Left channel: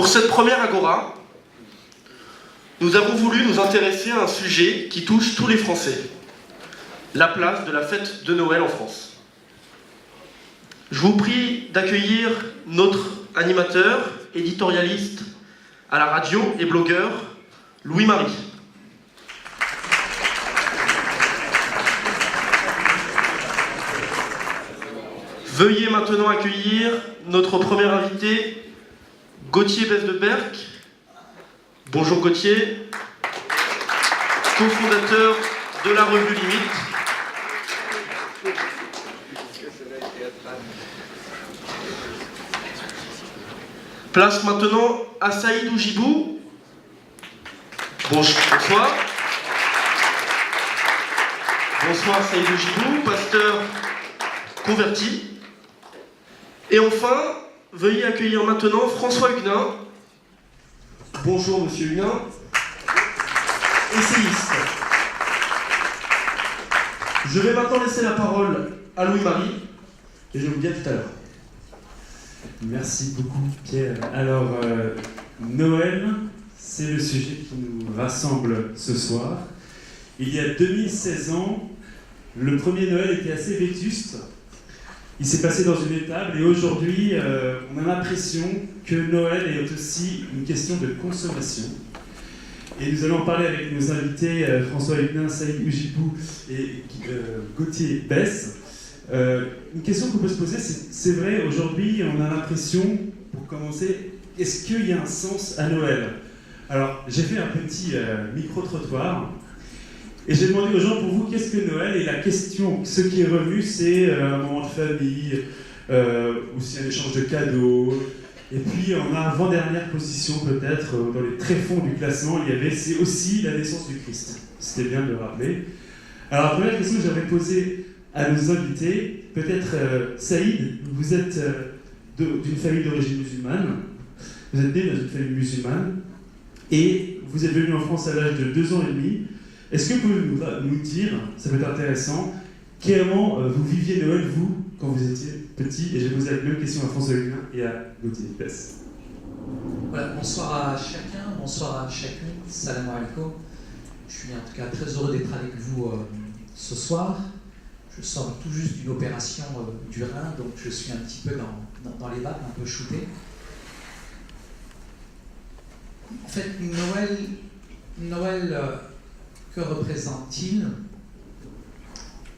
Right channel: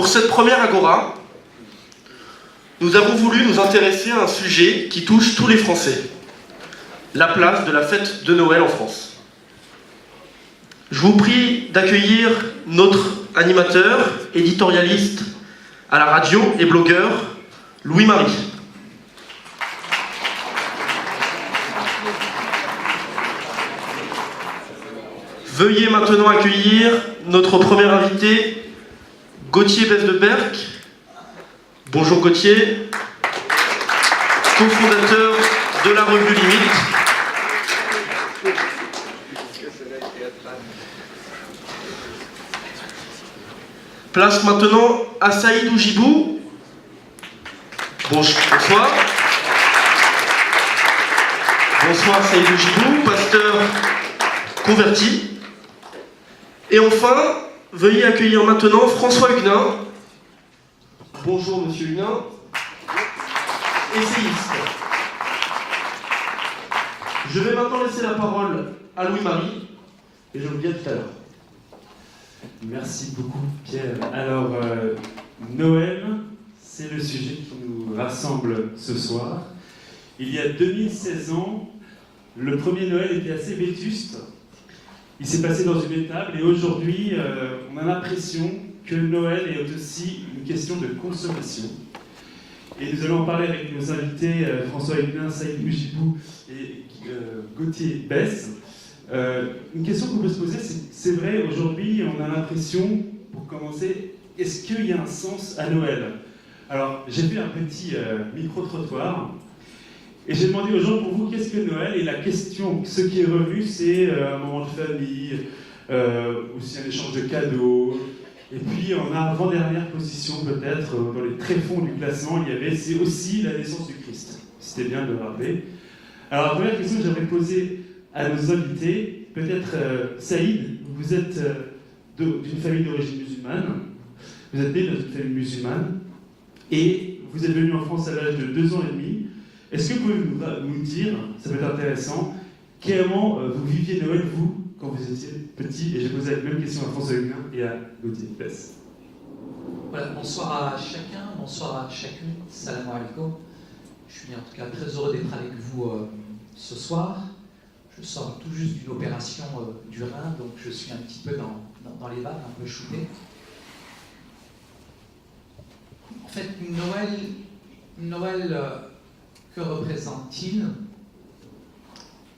Pour cette première Agora, nous avons voulu nous intéresser à un sujet qui touche tous les Français, la place de la fête de Noël en France. Je vous prie d'accueillir notre animateur, éditorialiste à la radio et blogueur, Louis-Marie. Veuillez maintenant accueillir notre premier invité, Gauthier Besse-de-Berck. Bonjour Gauthier, cofondateur de la revue Limite. Place maintenant à Saïd Oujibou. Bonsoir. Bonsoir Saïd Oujibou, pasteur converti. Et enfin, veuillez accueillir maintenant François Huguenin. Bonjour Monsieur Huguenin, essayiste. Je vais maintenant laisser la parole à Louis-Marie et je vous dis à tout à l'heure. Merci beaucoup Pierre. Alors, Noël, c'est le sujet qui nous rassemble ce soir. Il y a 2016 ans, le premier Noël était assez vétuste. Il s'est passé dans une étable et aujourd'hui, on a l'impression que Noël est aussi une question de consommation. Et nous allons en parler avec nos invités François Huguenin, Saïd Oujibou et Gauthier Besse. Une question qu'on peut se poser, c'est vrai, aujourd'hui, on a l'impression, pour commencer, est-ce qu'il y a un sens à Noël? Alors, j'ai fait un petit micro-trottoir. Et j'ai demandé aux gens, pour vous, qu'est-ce que Noël? Et la question, ce qui est revenu, c'est un moment de famille, aussi un échange de cadeaux. Et puis, en avant-dernière position, peut-être, dans les tréfonds du classement, il y avait, c'est aussi la naissance du Christ. C'était bien de le rappeler. Alors, la première question que j'aimerais poser à nos invités, peut-être Saïd, vous êtes d'une famille d'origine musulmane, vous êtes né dans une famille musulmane, et vous êtes venu en France à l'âge de 2 ans et demi. Est-ce que vous pouvez nous dire, ça peut être intéressant, comment vous viviez Noël, vous, quand vous étiez petit? Et j'ai posé la même question à François Huguenin et à Gauthier Besse. Voilà, bonsoir à chacun, bonsoir à chacune, salam alaikum. Je suis en tout cas très heureux d'être avec vous ce soir. Je sors tout juste d'une opération du rein, donc je suis un petit peu dans les vapes, un peu shooté. En fait, Noël, que représente-t-il?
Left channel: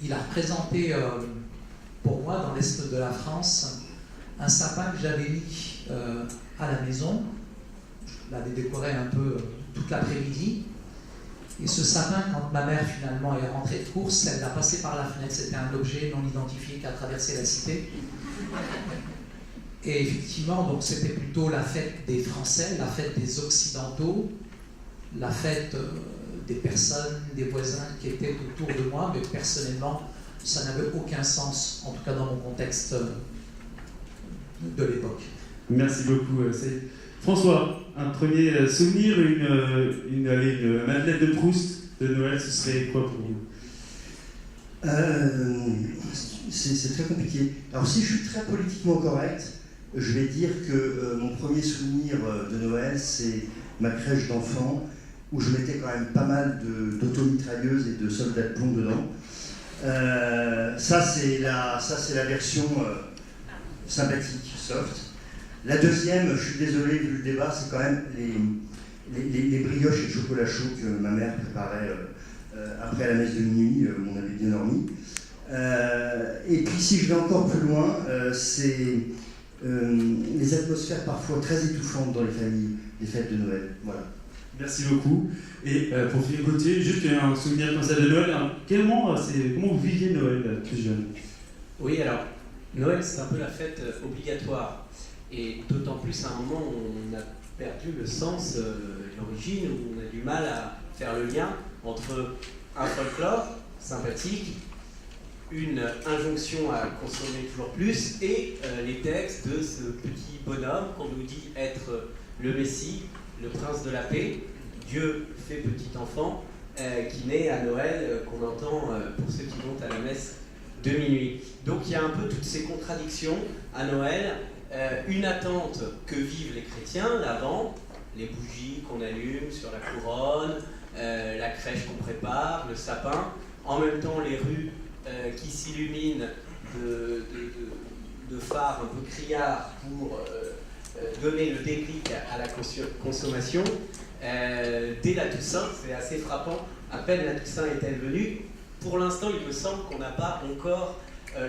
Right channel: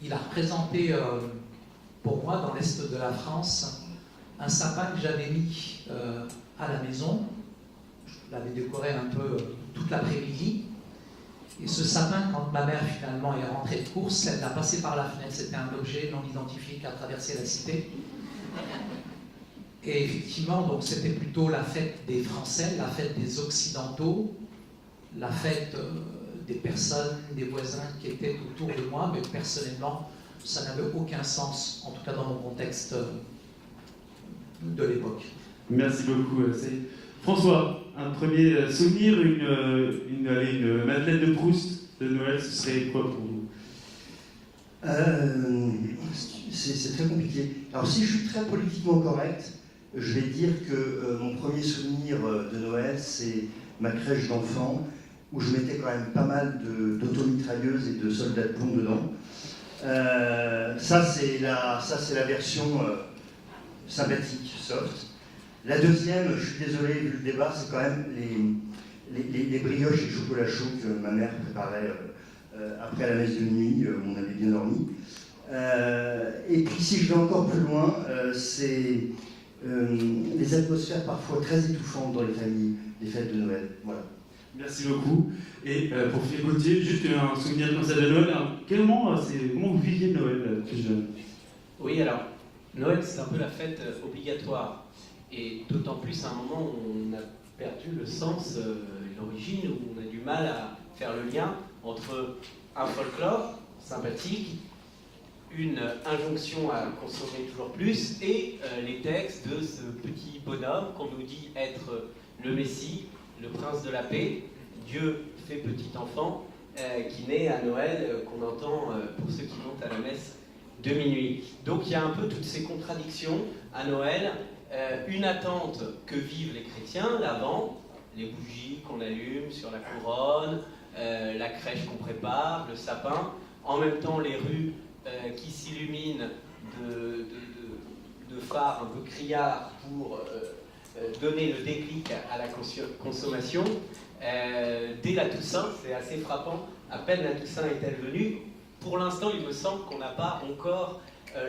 Il a représenté pour moi, dans l'est de la France, un sapin que j'avais mis à la maison. Je l'avais décoré un peu toute l'après-midi. Et ce sapin, quand ma mère finalement est rentrée de course, elle l'a passé par la fenêtre. C'était un objet non identifié qui a traversé la cité. Et effectivement, donc c'était plutôt la fête des Français, la fête des Occidentaux, la fête des personnes, des voisins qui étaient autour de moi, mais personnellement, ça n'avait aucun sens, en tout cas dans mon contexte de l'époque. Merci beaucoup, Saïd. François, un premier souvenir, une Madeleine de Proust de Noël, ce serait quoi pour vous? C'est très compliqué. Alors si je suis très politiquement correct, je vais dire que mon premier souvenir de Noël, c'est ma crèche d'enfants, où je mettais quand même pas mal d'automitrailleuses et de soldats de plomb dedans. Ça c'est la version sympathique, soft. La deuxième, je suis désolé vu le débat, c'est quand même les brioches et le chocolat chaud que ma mère préparait après la messe de minuit, où on avait bien dormi. Et puis si je vais encore plus loin, c'est les atmosphères parfois très étouffantes dans les familles, les fêtes de Noël. Voilà. Merci beaucoup. Et pour finir, Gauthier, juste un souvenir comme ça de Noël. Alors, comment vous viviez Noël plus jeune? Oui, alors, Noël, c'est un peu la fête obligatoire. Et d'autant plus à un moment où on a perdu le sens, l'origine, où on a du mal à faire le lien entre un folklore sympathique, une injonction à consommer toujours plus, et les textes de ce petit bonhomme qu'on nous dit être le Messie, le prince de la paix, Dieu fait petit enfant, qui naît à Noël, qu'on entend pour ceux qui vont à la messe de minuit. Donc il y a un peu toutes ces contradictions à Noël une attente que vivent les chrétiens, l'Avent, les bougies qu'on allume sur la couronne, la crèche qu'on prépare, le sapin, en même temps les rues qui s'illuminent de phares un peu criards pour donner le déclic à la consommation. Dès la Toussaint, c'est assez frappant, à peine la Toussaint est-elle venue, pour l'instant il me semble qu'on n'a pas encore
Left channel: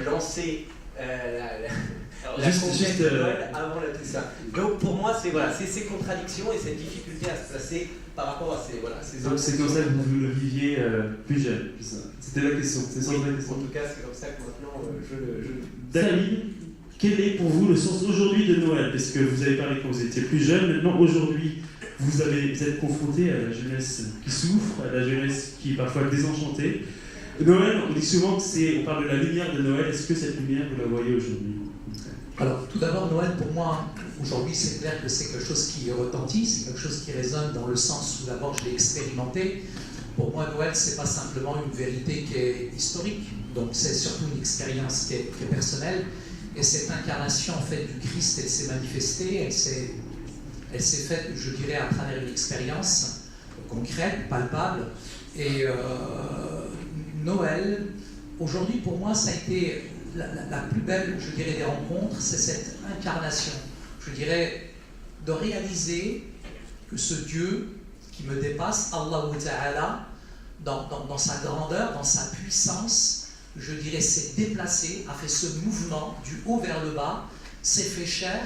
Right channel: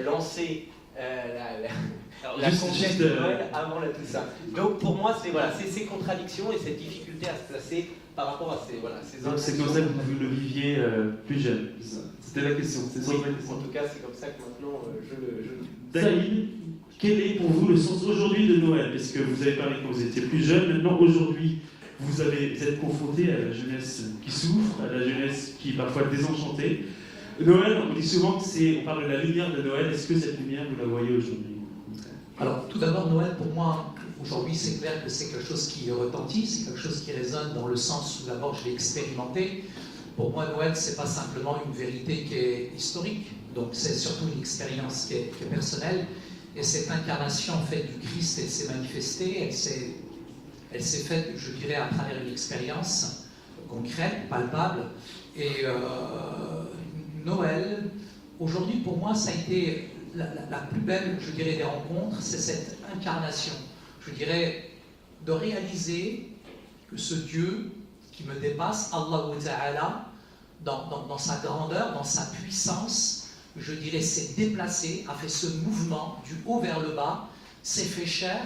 lancé la conquête de Noël avant la Toussaint. Donc pour moi c'est voilà, ces contradictions et cette difficulté à se placer par rapport à ces Donc c'est comme ça que vous le viviez plus jeune. C'était la question. C'est oui, la question. en tout cas c'est comme ça que maintenant je le David, quel est pour vous le sens aujourd'hui de Noël? Parce que vous avez parlé quand vous étiez plus jeune, maintenant aujourd'hui vous êtes confronté à la jeunesse qui souffre, à la jeunesse qui est parfois désenchantée. Noël, on dit souvent on parle de la lumière de Noël. Est-ce que cette lumière, vous la voyez aujourd'hui? Alors, tout d'abord, Noël, pour moi, aujourd'hui, c'est clair que c'est quelque chose qui retentit, c'est quelque chose qui résonne dans le sens où, d'abord, je l'ai expérimenté. Pour moi, Noël, c'est pas simplement une vérité qui est historique, donc c'est surtout une expérience qui est personnelle. Et cette incarnation, en fait, du Christ, elle s'est manifestée, elle s'est faite, je dirais, à travers une expérience concrète, palpable. Et Noël, aujourd'hui, pour moi, ça a été la plus belle, je dirais, des rencontres, c'est cette incarnation, je dirais, de réaliser que ce Dieu qui me dépasse, Allah Ta'ala, dans sa grandeur, dans sa puissance, je dirais, s'est déplacé, a fait ce mouvement du haut vers le bas, s'est fait chair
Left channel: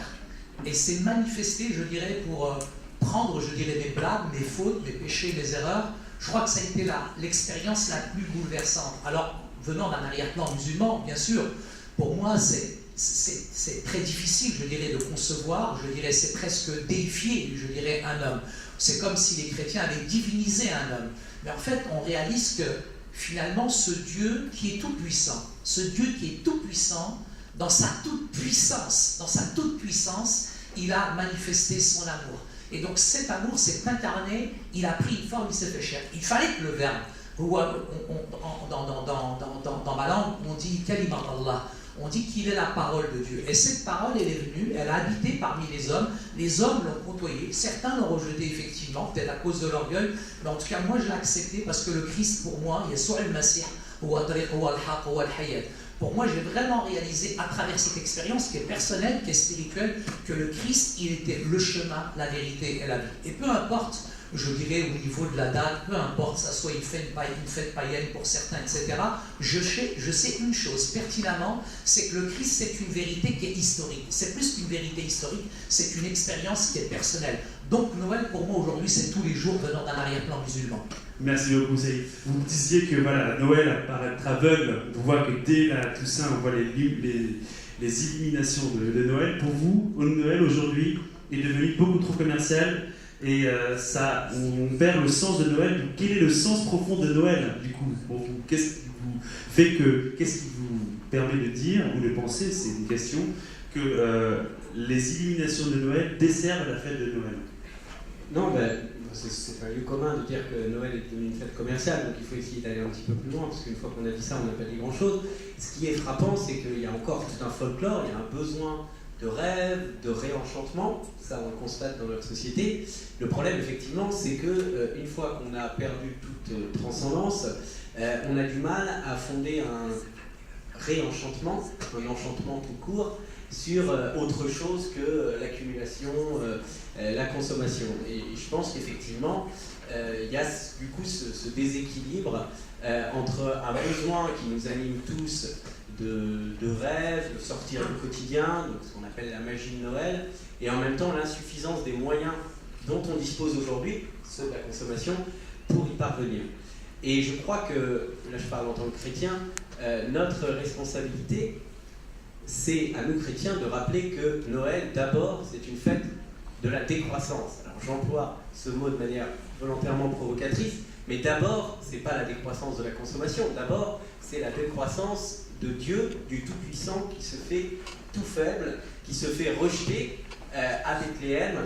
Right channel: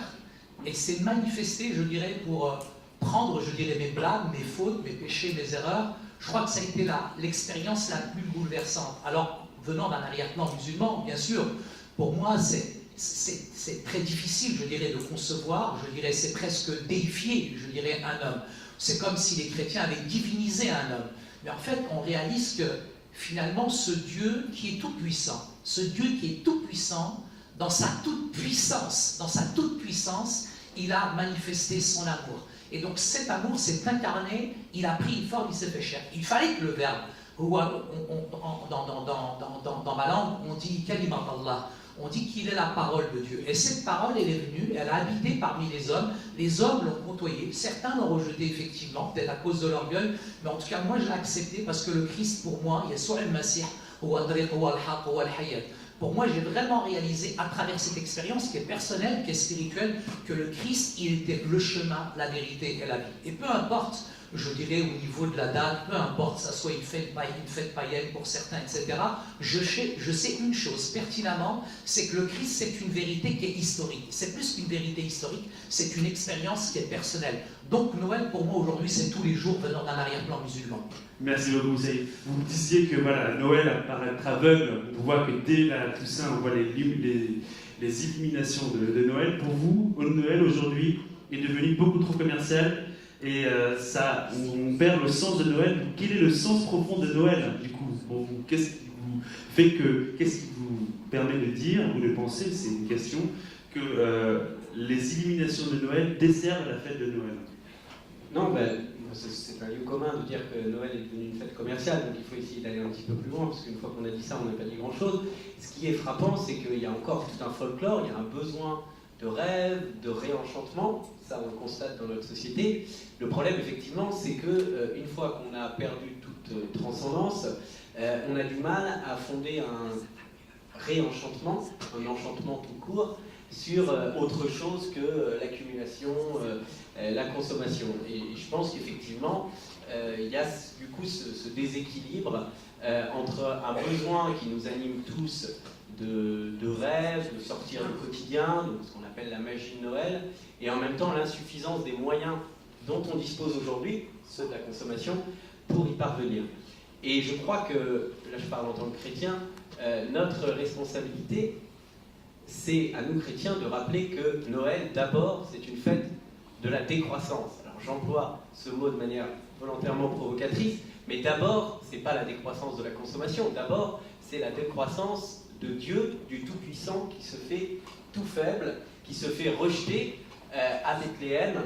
et s'est manifesté, je dirais, pour prendre, je dirais, mes blagues, mes fautes, mes péchés, mes erreurs. Je crois que ça a été l'expérience la plus bouleversante. Alors, venant d'un arrière-plan musulman, bien sûr, pour moi, c'est très difficile, je dirais, de concevoir, je dirais, c'est presque déifier, je dirais, un homme. C'est comme si les chrétiens avaient divinisé un homme. Mais en fait, on réalise que, finalement, ce Dieu qui est tout-puissant, dans sa toute-puissance, il a manifesté son amour. Et donc cet amour s'est incarné, il a pris une forme, il s'est fait chair. Il fallait que le verbe, dans ma langue, on dit kalimat Allah, on dit qu'il est la parole de Dieu. Et cette parole, elle est venue, elle a habité parmi les hommes l'ont côtoyé, certains l'ont rejeté effectivement, peut-être à cause de l'orgueil, mais en tout cas moi je l'ai accepté parce que le Christ pour moi, Yeshua al-Masih, pour moi, j'ai vraiment réalisé à travers cette expérience qui est personnelle, qui est spirituelle, que le Christ, il était le chemin, la vérité et la vie. Et peu importe, je dirais au niveau de la date, peu importe, ça soit une fête païenne pour certains, etc., je sais une chose pertinemment, c'est que le Christ, c'est une vérité qui est historique. C'est plus qu'une vérité historique, c'est une expérience qui est personnelle. Donc Noël, pour moi, aujourd'hui, c'est tous les jours venant d'un arrière-plan musulman. Merci beaucoup, Saïd. Vous disiez que voilà, Noël paraît être aveugle. On voit que dès la Toussaint, on voit les illuminations de Noël. Pour vous, Noël aujourd'hui est devenu beaucoup trop commercial et on perd le sens de Noël. Quel est le sens profond de Noël, du coup, pour vous? Qu'est-ce qui vous permet de dire ou de penser, c'est une question, que les illuminations de Noël desservent la fête de Noël? Non, c'est un lieu commun de dire que Noël est devenu une fête commerciale, donc il faut essayer d'aller un petit peu plus loin, parce qu'une fois qu'on a dit ça, on n'a pas dit grand-chose. Ce qui est frappant, c'est qu'il y a encore tout un folklore, il y a un besoin de rêve, de réenchantement, ça on le constate dans notre société. Le problème, effectivement, c'est qu'une fois qu'on a perdu toute transcendance, on a du mal à fonder un réenchantement, un enchantement tout court, sur autre chose que l'accumulation, la consommation. Et je pense qu'effectivement, il y a du coup ce déséquilibre entre un besoin qui nous anime tous de rêve, de sortir du quotidien, donc ce qu'on appelle la magie de Noël, et en même temps l'insuffisance des moyens dont on dispose aujourd'hui, ceux de la consommation, pour y parvenir. Et je crois que, là je parle en tant que chrétien, notre responsabilité, c'est à nous chrétiens de rappeler que Noël, d'abord, c'est une fête de la décroissance. Alors j'emploie ce mot de manière volontairement provocatrice, mais d'abord, c'est pas la décroissance de la consommation, d'abord, c'est la décroissance de Dieu, du Tout-Puissant, qui se fait tout faible, qui se fait rejeter à Bethléem,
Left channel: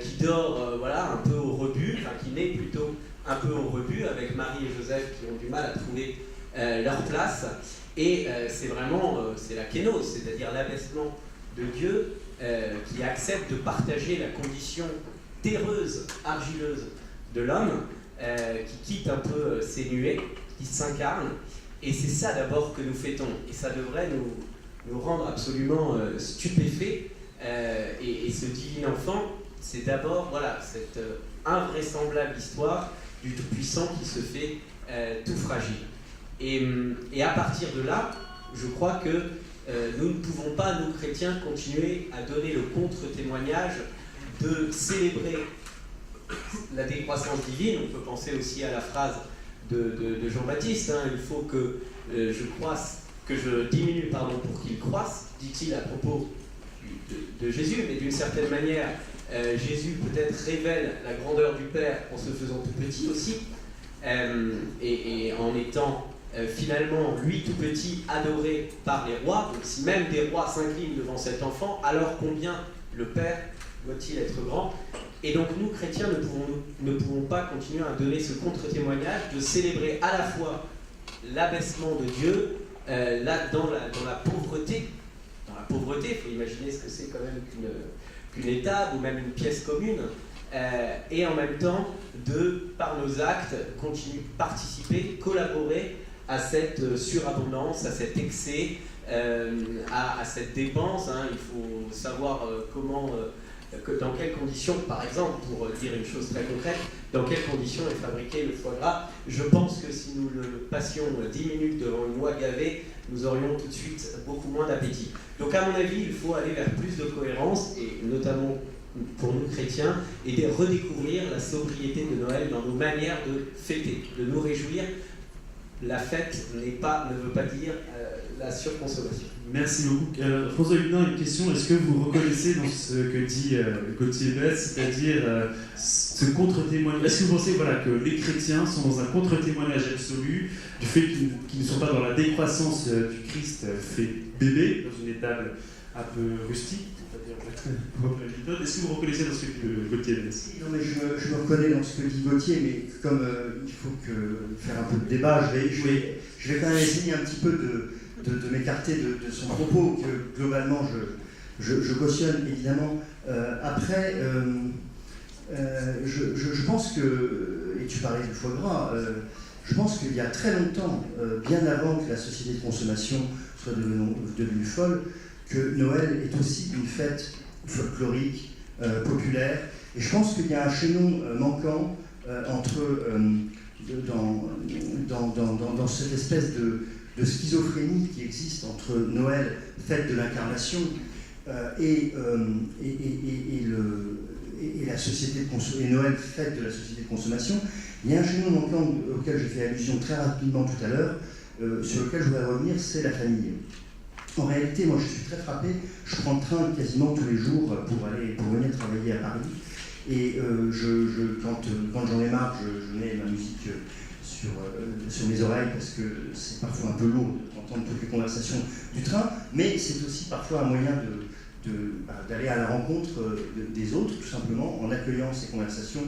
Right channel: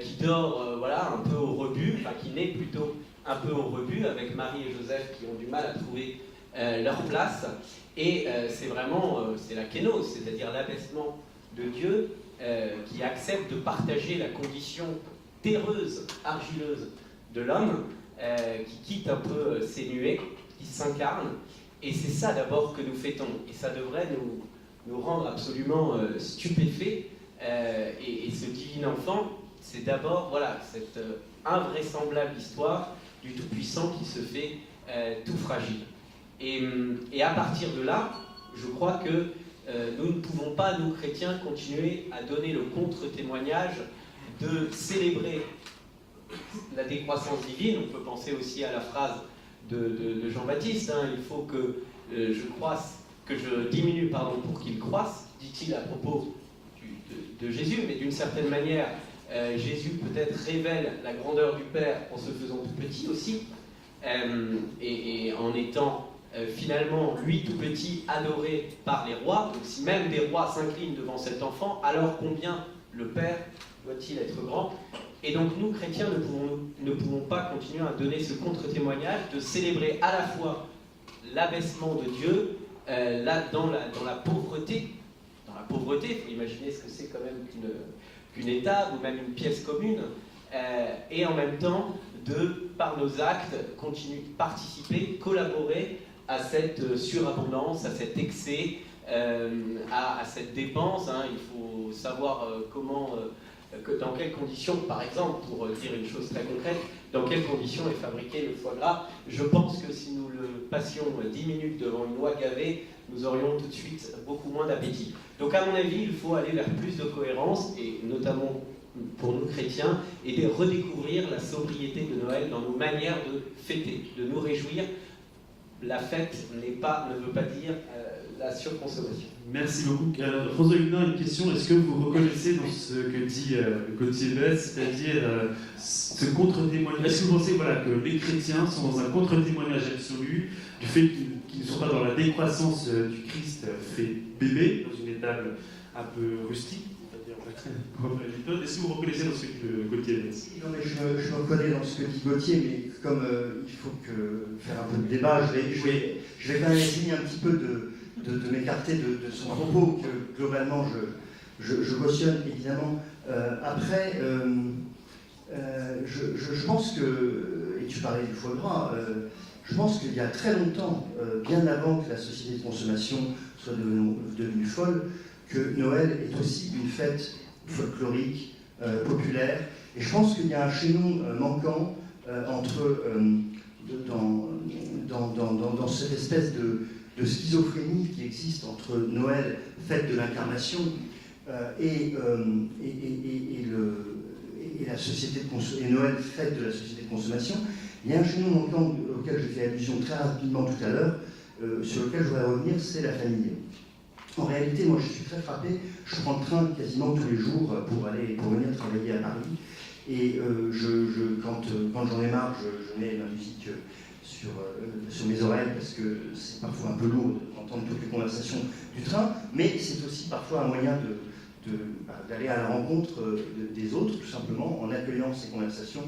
qui dort voilà, un peu au rebut, enfin qui naît plutôt un peu au rebut, avec Marie et Joseph qui ont du mal à trouver leur place. Et c'est vraiment, c'est la kénose, c'est-à-dire l'abaissement de Dieu qui accepte de partager la condition terreuse, argileuse de l'homme, qui quitte un peu ses nuées, qui s'incarne. Et c'est ça d'abord que nous fêtons. Et ça devrait nous rendre absolument stupéfaits. Et ce divin enfant, c'est d'abord voilà, cette invraisemblable histoire du Tout-Puissant qui se fait tout fragile. Et à partir de là, je crois que nous ne pouvons pas, nous chrétiens, continuer à donner le contre-témoignage de célébrer la décroissance divine. On peut penser aussi à la phrase de Jean-Baptiste, hein, il faut que je diminue pour qu'il croisse, dit-il à propos de Jésus, mais d'une certaine manière, Jésus peut-être révèle la grandeur du Père en se faisant tout petit aussi, et en étant finalement, lui tout petit, adoré par les rois. Donc si même des rois s'inclinent devant cet enfant, alors combien le Père doit-il être grand? Et donc nous, chrétiens, ne pouvons pas continuer à donner ce contre-témoignage, de célébrer à la fois l'abaissement de Dieu, là, dans la pauvreté. Dans la pauvreté, il faut imaginer ce que c'est quand même qu'une étable ou même une pièce commune, et en même temps, par nos actes, continuer, participer, collaborer à cette surabondance, à cet excès, à cette dépense. Hein. Il faut savoir dans quelles conditions, par exemple, pour dire une chose très concrète, dans quelles conditions est fabriqué le foie gras. Je pense que si nous le passions 10 minutes devant une oie gavée, nous aurions tout de suite beaucoup moins d'appétit. Donc à mon avis, il faut aller vers plus de cohérence, et notamment pour nous chrétiens, et de redécouvrir la sobriété de Noël dans nos manières de fêter, de nous réjouir. La fête ne veut pas dire la surconsommation. Merci beaucoup. Alors, François Huguenin, une question. Est-ce que vous reconnaissez dans ce que dit Gauthier Besse, c'est-à-dire ce contre-témoignage? Est-ce que vous pensez que les chrétiens sont dans un contre-témoignage absolu du fait qu'ils ne sont pas dans la décroissance du Christ fait bébé, dans une étable un peu rustique? Est-ce que vous reconnaissez dans ce que dit Gauthier Besse? Non, mais je me reconnais dans ce que dit Gauthier, mais comme il faut faire un peu de débat, je vais quand même essayer un petit peu de m'écarter de son propos, que globalement je cautionne évidemment. Après, je pense que, et tu parlais du foie gras, je pense qu'il y a très longtemps, bien avant que la société de consommation soit devenue folle, que Noël est aussi une fête folklorique, populaire. Et je pense qu'il y a un chaînon manquant dans cette espèce de schizophrénie qui existe entre Noël, fête de l'incarnation, et la société et Noël, fête de la société de consommation. Il y a un chaînon manquant auquel j'ai fait allusion très rapidement tout à l'heure, sur lequel je voudrais revenir, c'est la famille. En réalité, moi je suis très frappé, je prends le train quasiment tous les jours pour venir travailler à Paris, et quand j'en ai marre, je mets ma musique sur mes oreilles, parce que c'est parfois un peu lourd d'entendre toutes les conversations du train, mais c'est aussi parfois un moyen d'aller à la rencontre des autres, tout simplement, en accueillant ces conversations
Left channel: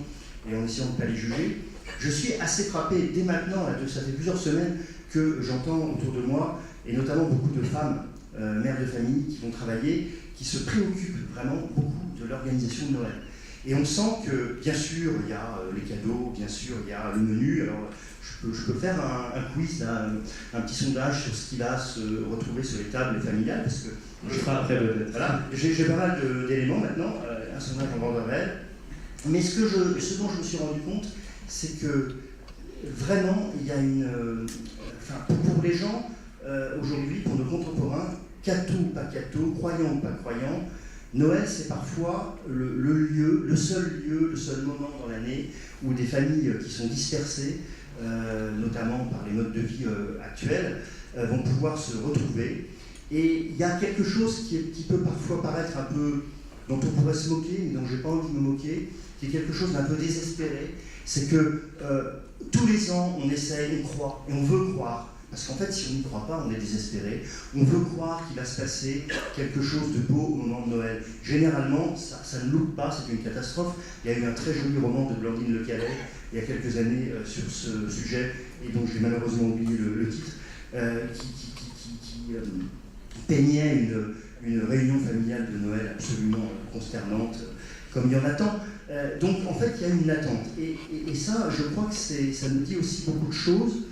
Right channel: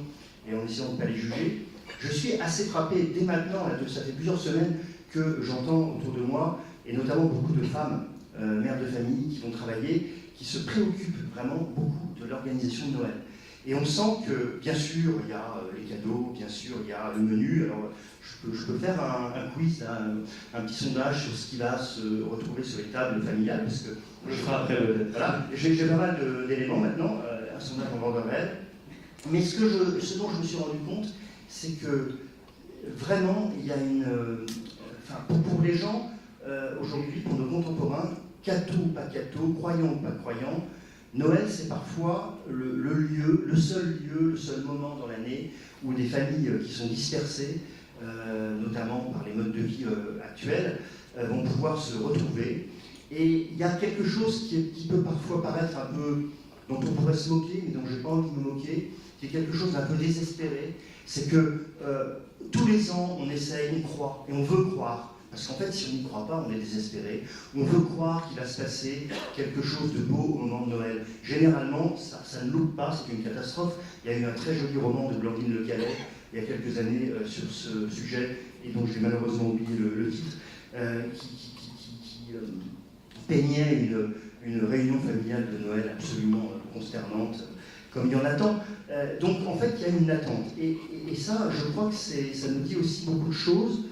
et en essayant de ne pas les juger. Je suis assez frappé dès maintenant, ça fait plusieurs semaines que j'entends autour de moi, et notamment beaucoup de femmes, mères de famille, qui vont travailler, qui se préoccupent vraiment beaucoup de l'organisation de Noël. Et on sent que, bien sûr, il y a les cadeaux, bien sûr, il y a le menu. Alors, je peux faire un quiz, là, un petit sondage sur ce qui va se retrouver sur les tables familiales, parce que je ferai après peut-être. Voilà, j'ai pas mal d'éléments maintenant, un sondage en bord de réel. Mais ce dont je me suis rendu compte, c'est que vraiment, il y a pour les gens, aujourd'hui, pour nos contemporains, catho ou pas catho, croyants ou pas croyants, Noël, c'est parfois le seul moment dans l'année où des familles qui sont dispersées, notamment par les modes de vie actuels, vont pouvoir se retrouver. Et il y a quelque chose qui peut parfois paraître un peu, dont on pourrait se moquer, mais dont je n'ai pas envie de me moquer, qui est quelque chose d'un peu désespéré. C'est que tous les ans, on essaye, on croit, et on veut croire. Parce qu'en fait, si on n'y croit pas, on est désespéré. On veut croire qu'il va se passer quelque chose de beau au moment de Noël. Généralement, ça ne loupe pas, c'est une catastrophe. Il y a eu un très joli roman de Blandine Le Calais, il y a quelques années, sur ce sujet, et dont j'ai malheureusement oublié le titre, qui peignait une réunion familiale de Noël absolument consternante, comme il y en a tant. Donc en fait, il y a une attente. Et ça, je crois que ça nous dit aussi beaucoup de choses.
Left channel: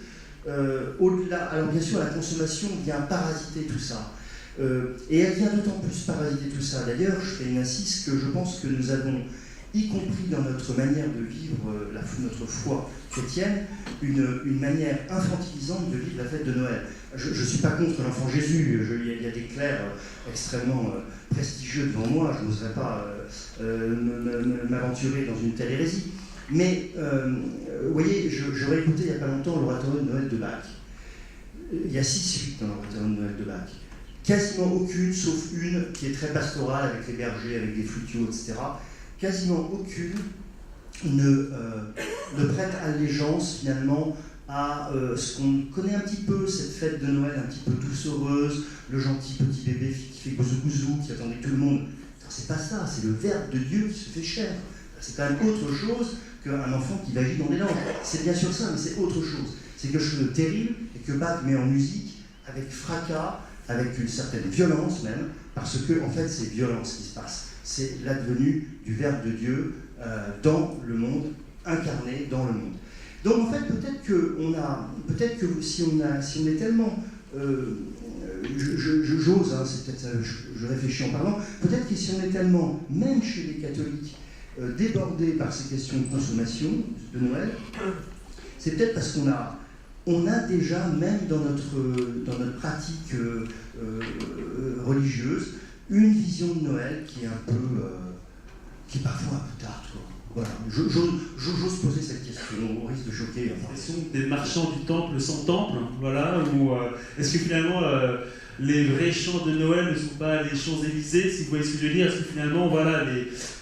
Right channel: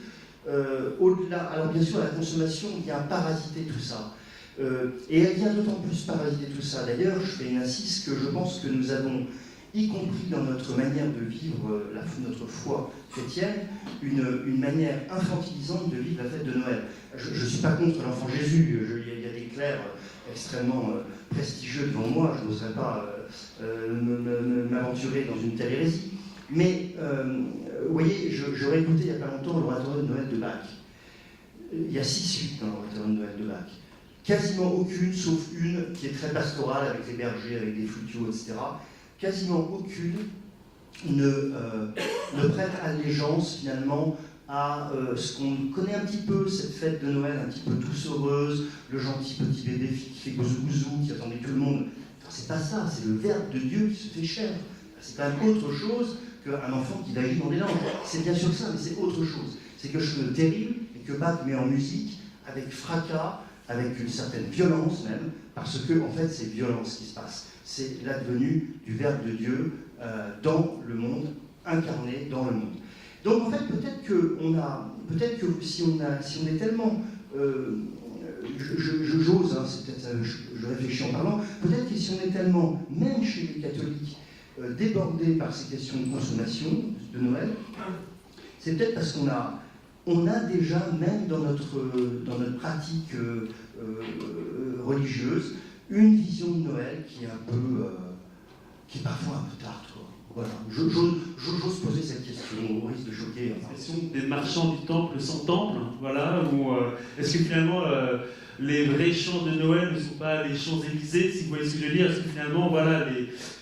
Au-delà, alors bien sûr, la consommation vient parasiter tout ça. Et elle vient d'autant plus parasiter tout ça. D'ailleurs, je fais une insiste que je pense que nous avons, y compris dans notre manière de vivre notre foi chrétienne, une manière infantilisante de vivre la fête de Noël. Je ne suis pas contre l'enfant Jésus, il y a des clercs extrêmement prestigieux devant moi, je n'oserais pas m'aventurer dans une telle hérésie. Mais, vous voyez, j'aurais écouté il n'y a pas longtemps l'oratoire de Noël de Bach. Il y a 6 suites dans l'oratoire de Noël de Bach. Quasiment aucune, sauf une qui est très pastorale avec les bergers, avec des flutiaux, etc. Quasiment aucune ne prête allégeance finalement à ce qu'on connaît un petit peu, cette fête de Noël un petit peu doucereuse, le gentil petit bébé qui fait gouzou gouzou, qui attendait tout le monde. C'est pas ça, c'est le Verbe de Dieu qui se fait chair. C'est quand même autre chose qu'un enfant qui vagit dans des langues. C'est bien sûr ça, mais c'est autre chose. C'est quelque chose de terrible et que Bach met en musique avec fracas, avec une certaine violence même, parce que en fait c'est violent ce qui se passe. C'est l'advenu du Verbe de Dieu dans le monde, incarné dans le monde. Donc en fait peut-être que si on est tellement, j'ose, hein, c'est peut-être, je réfléchis en parlant, peut-être que si on est tellement, même chez les catholiques, débordés par ces questions de consommation de Noël, c'est peut-être parce qu'on a déjà, même dans notre pratique religieuse, une vision de Noël qui est parfois un peu tard, quoi. Voilà, j'ose poser cette question, au risque de choquer. Enfin, des marchands du temple sans temple, voilà, ou est-ce que finalement les vrais chants de Noël ne sont pas les Champs-Élysées, si vous voyez ce que je veux dire? Est-ce que finalement, voilà,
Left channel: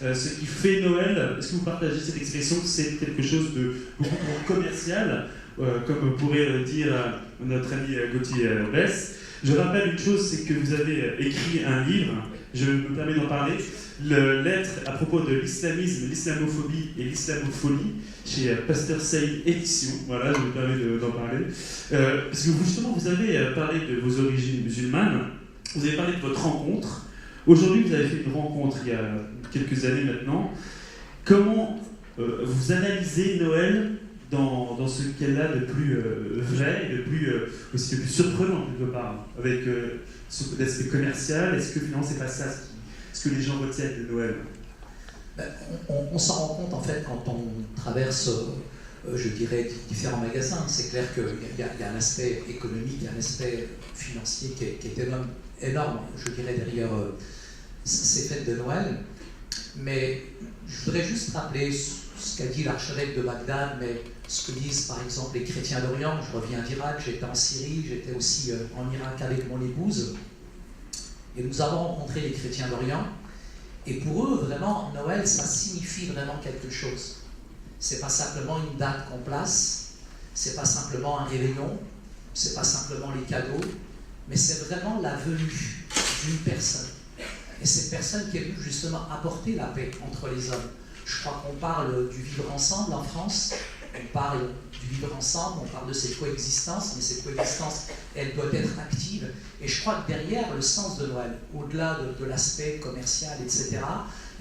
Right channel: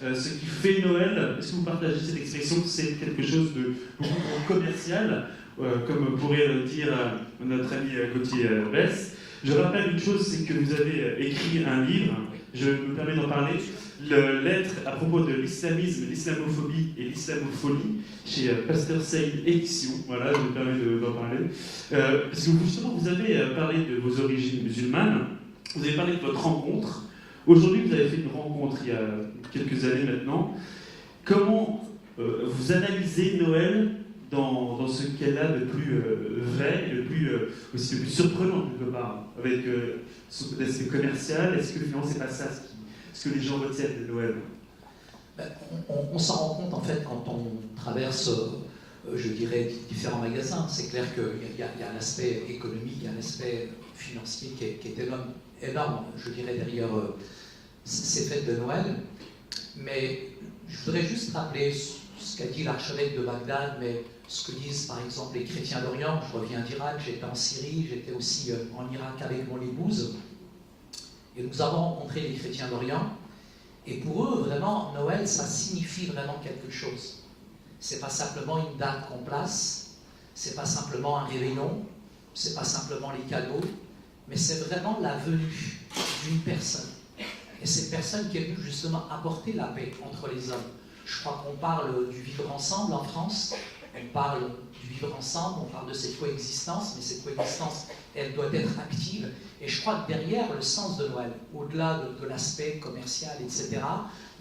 ce qui fait Noël, est-ce que vous partagez cette expression que c'est quelque chose de beaucoup plus commercial, comme pourrait le dire notre ami Gauthier Besse? Je rappelle une chose, c'est que vous avez écrit un livre, je me permets d'en parler, lettre à propos de l'islamisme, l'islamophobie et l'islamofolie, chez Pasteur Saïd Édition, voilà, je me permets d'en parler. Parce que justement, vous avez parlé de vos origines musulmanes, vous avez parlé de votre rencontre. Aujourd'hui, vous avez fait une rencontre il y a quelques années maintenant. Comment vous analysez Noël dans ce qu'elle a de plus vrai, aussi de plus surprenant quelque part, avec l'aspect commercial? Est-ce que finalement c'est pas ça ce que les gens retiennent de Noël? On s'en rend compte en fait quand on traverse, je dirais, différents magasins. C'est clair qu'il y a un aspect économique, il y a un aspect financier qui est énorme, je dirais, derrière ces fêtes de Noël. Mais je voudrais juste rappeler ce qu'a dit l'archevêque de Bagdad, mais ce que disent par exemple les chrétiens d'Orient. Je reviens d'Irak, j'étais en Syrie, j'étais aussi en Irak avec mon épouse. Et nous avons rencontré les chrétiens d'Orient. Et pour eux, vraiment, Noël, ça signifie vraiment quelque chose. C'est pas simplement une date qu'on place, c'est pas simplement un réveillon, c'est pas simplement les cadeaux, mais c'est vraiment la venue d'une personne. Et cette personne qui est venue justement apporter la paix entre les hommes. Je crois qu'on parle du vivre ensemble en France, on parle du vivre ensemble, on parle de cette coexistence, mais cette coexistence, elle doit être active. Et je crois que derrière le sens de Noël, au-delà de l'aspect commercial, etc.,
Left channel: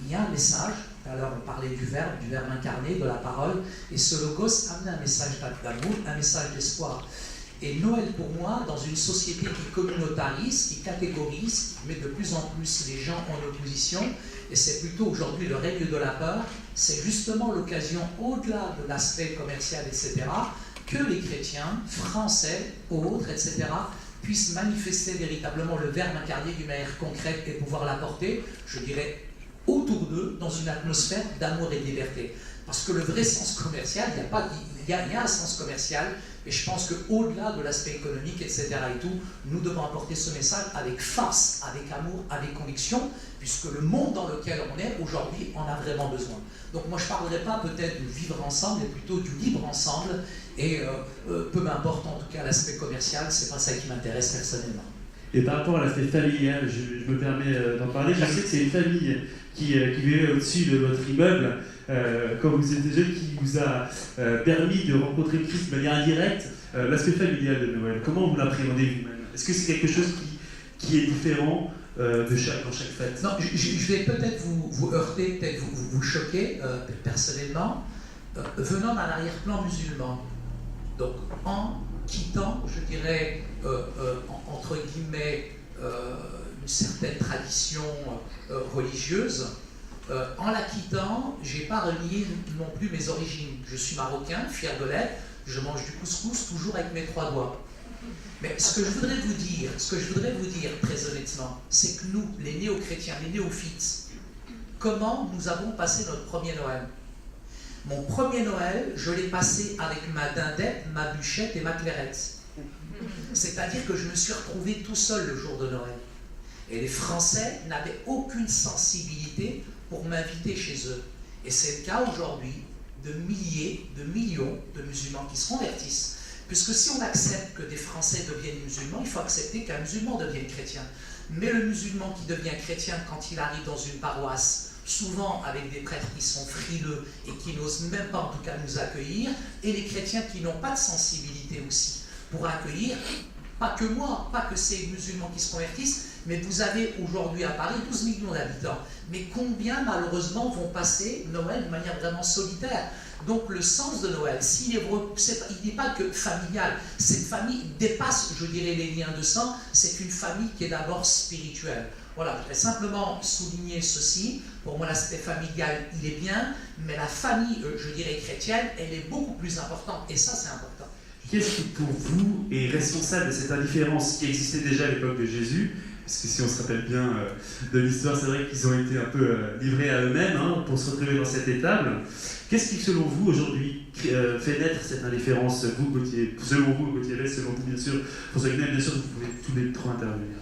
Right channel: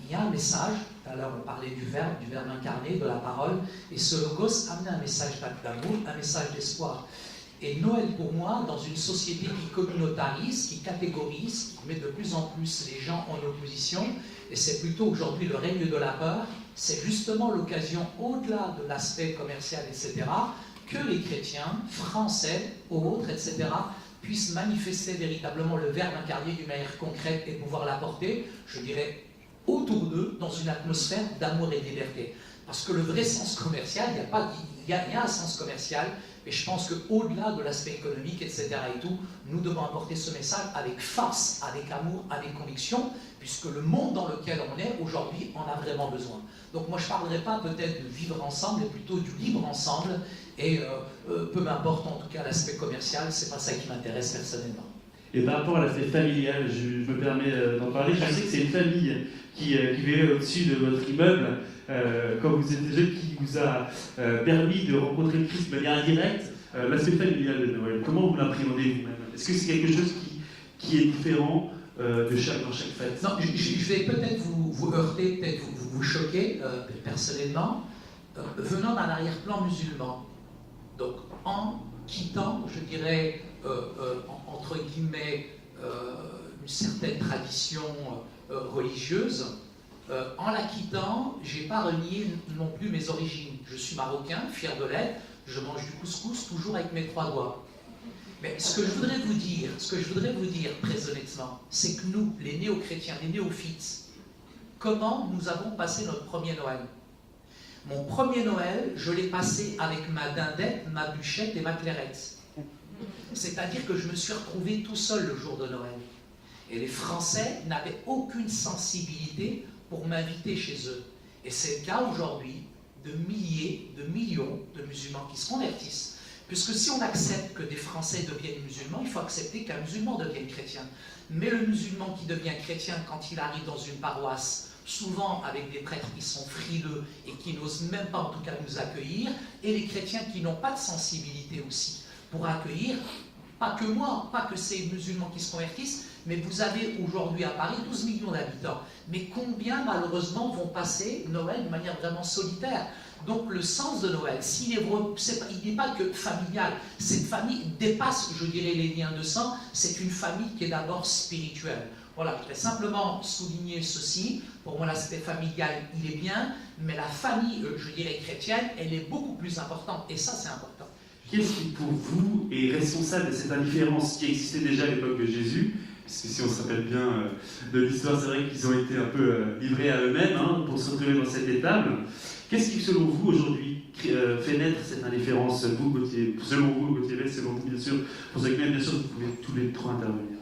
il y a un message. Tout à l'heure, on parlait du verbe incarné, de la parole, et ce logos amène un message d'amour, un message d'espoir. Et Noël, pour moi, dans une société qui communautarise, qui catégorise, qui met de plus en plus les gens en opposition, et c'est plutôt aujourd'hui le règne de la peur, c'est justement l'occasion, au-delà de l'aspect commercial, etc., que les chrétiens, français, autres, etc., puissent manifester véritablement le Verbe incarné d'une manière concrète et pouvoir l'apporter, je dirais, autour d'eux, dans une atmosphère d'amour et de liberté. Parce que le vrai sens commercial, il y a un sens commercial, et je pense qu'au-delà de l'aspect économique, etc. et tout, nous devons apporter ce message avec force, avec amour, avec conviction, puisque le monde dans lequel on est aujourd'hui en a vraiment besoin. Donc moi je ne parlerai pas peut-être du vivre ensemble, mais plutôt du libre ensemble, et peu m'importe en tout cas l'aspect commercial, c'est pas ça qui m'intéresse personnellement. Et par rapport à l'aspect familial, je me permets d'en parler, je sais que c'est une famille qui vivait au-dessus de votre immeuble, quand vous étiez jeune, qui vous a permis de rencontrer Christ de manière indirecte. L'aspect familial de Noël, comment vous l'appréhendez vous-même? Est-ce que c'est quelque chose qui est différent dans chaque fête? Non, je vais peut-être vous heurter, peut-être vous choquer personnellement. Venant d'un arrière-plan musulman, donc en quittant, je dirais, entre guillemets, une certaine tradition religieuse, en la quittant, je n'ai pas renié non plus mes origines. Je suis marocain, fier de l'être, je mange du couscous toujours avec mes 3 doigts. Mais ce que je voudrais vous dire très honnêtement, c'est que nous, les néo-chrétiens, les néophytes, comment nous avons passé notre premier Noël? Mon premier Noël, je l'ai passé avec ma dindette, ma bûchette et ma clairette. C'est-à-dire que je me suis retrouvé tout seul le jour de Noël. Et les Français n'avaient aucune sensibilité pour m'inviter chez eux. Et c'est le cas aujourd'hui de milliers, de millions de musulmans qui se convertissent. Puisque si on accepte que des Français deviennent musulmans, il faut accepter qu'un musulman devienne chrétien. Mais le musulman qui devient chrétien quand il arrive dans une paroisse, souvent avec des prêtres qui sont frileux et qui n'osent même pas en tout cas nous accueillir, et les chrétiens qui n'ont pas de sensibilité aussi pour accueillir, pas que moi, pas que ces musulmans qui se convertissent, mais vous avez aujourd'hui à Paris 12 millions d'habitants. Mais combien malheureusement vont passer Noël de manière vraiment solitaire? Donc le sens de Noël, il n'est pas que familial, cette famille dépasse, je dirais, les liens de sang, c'est une famille qui est d'abord spirituelle. Voilà, je voudrais simplement souligner ceci. Pour moi, l'aspect familial, il est bien, mais la famille, je dirais, chrétienne, elle est beaucoup plus importante, et ça, c'est important. Qu'est-ce qui, pour vous, est responsable de cette indifférence qui existait déjà à l'époque de Jésus? Parce que si on se rappelle bien de l'histoire, c'est vrai qu'ils ont été un peu livrés à eux-mêmes pour se retrouver dans cette étable. Qu'est-ce qui, selon vous, aujourd'hui, fait naître cette indifférence? Vous, Gauthier, selon vous, Gauthier, selon vous, bien sûr, François Guenet, bien sûr, vous pouvez tous les 3 intervenir.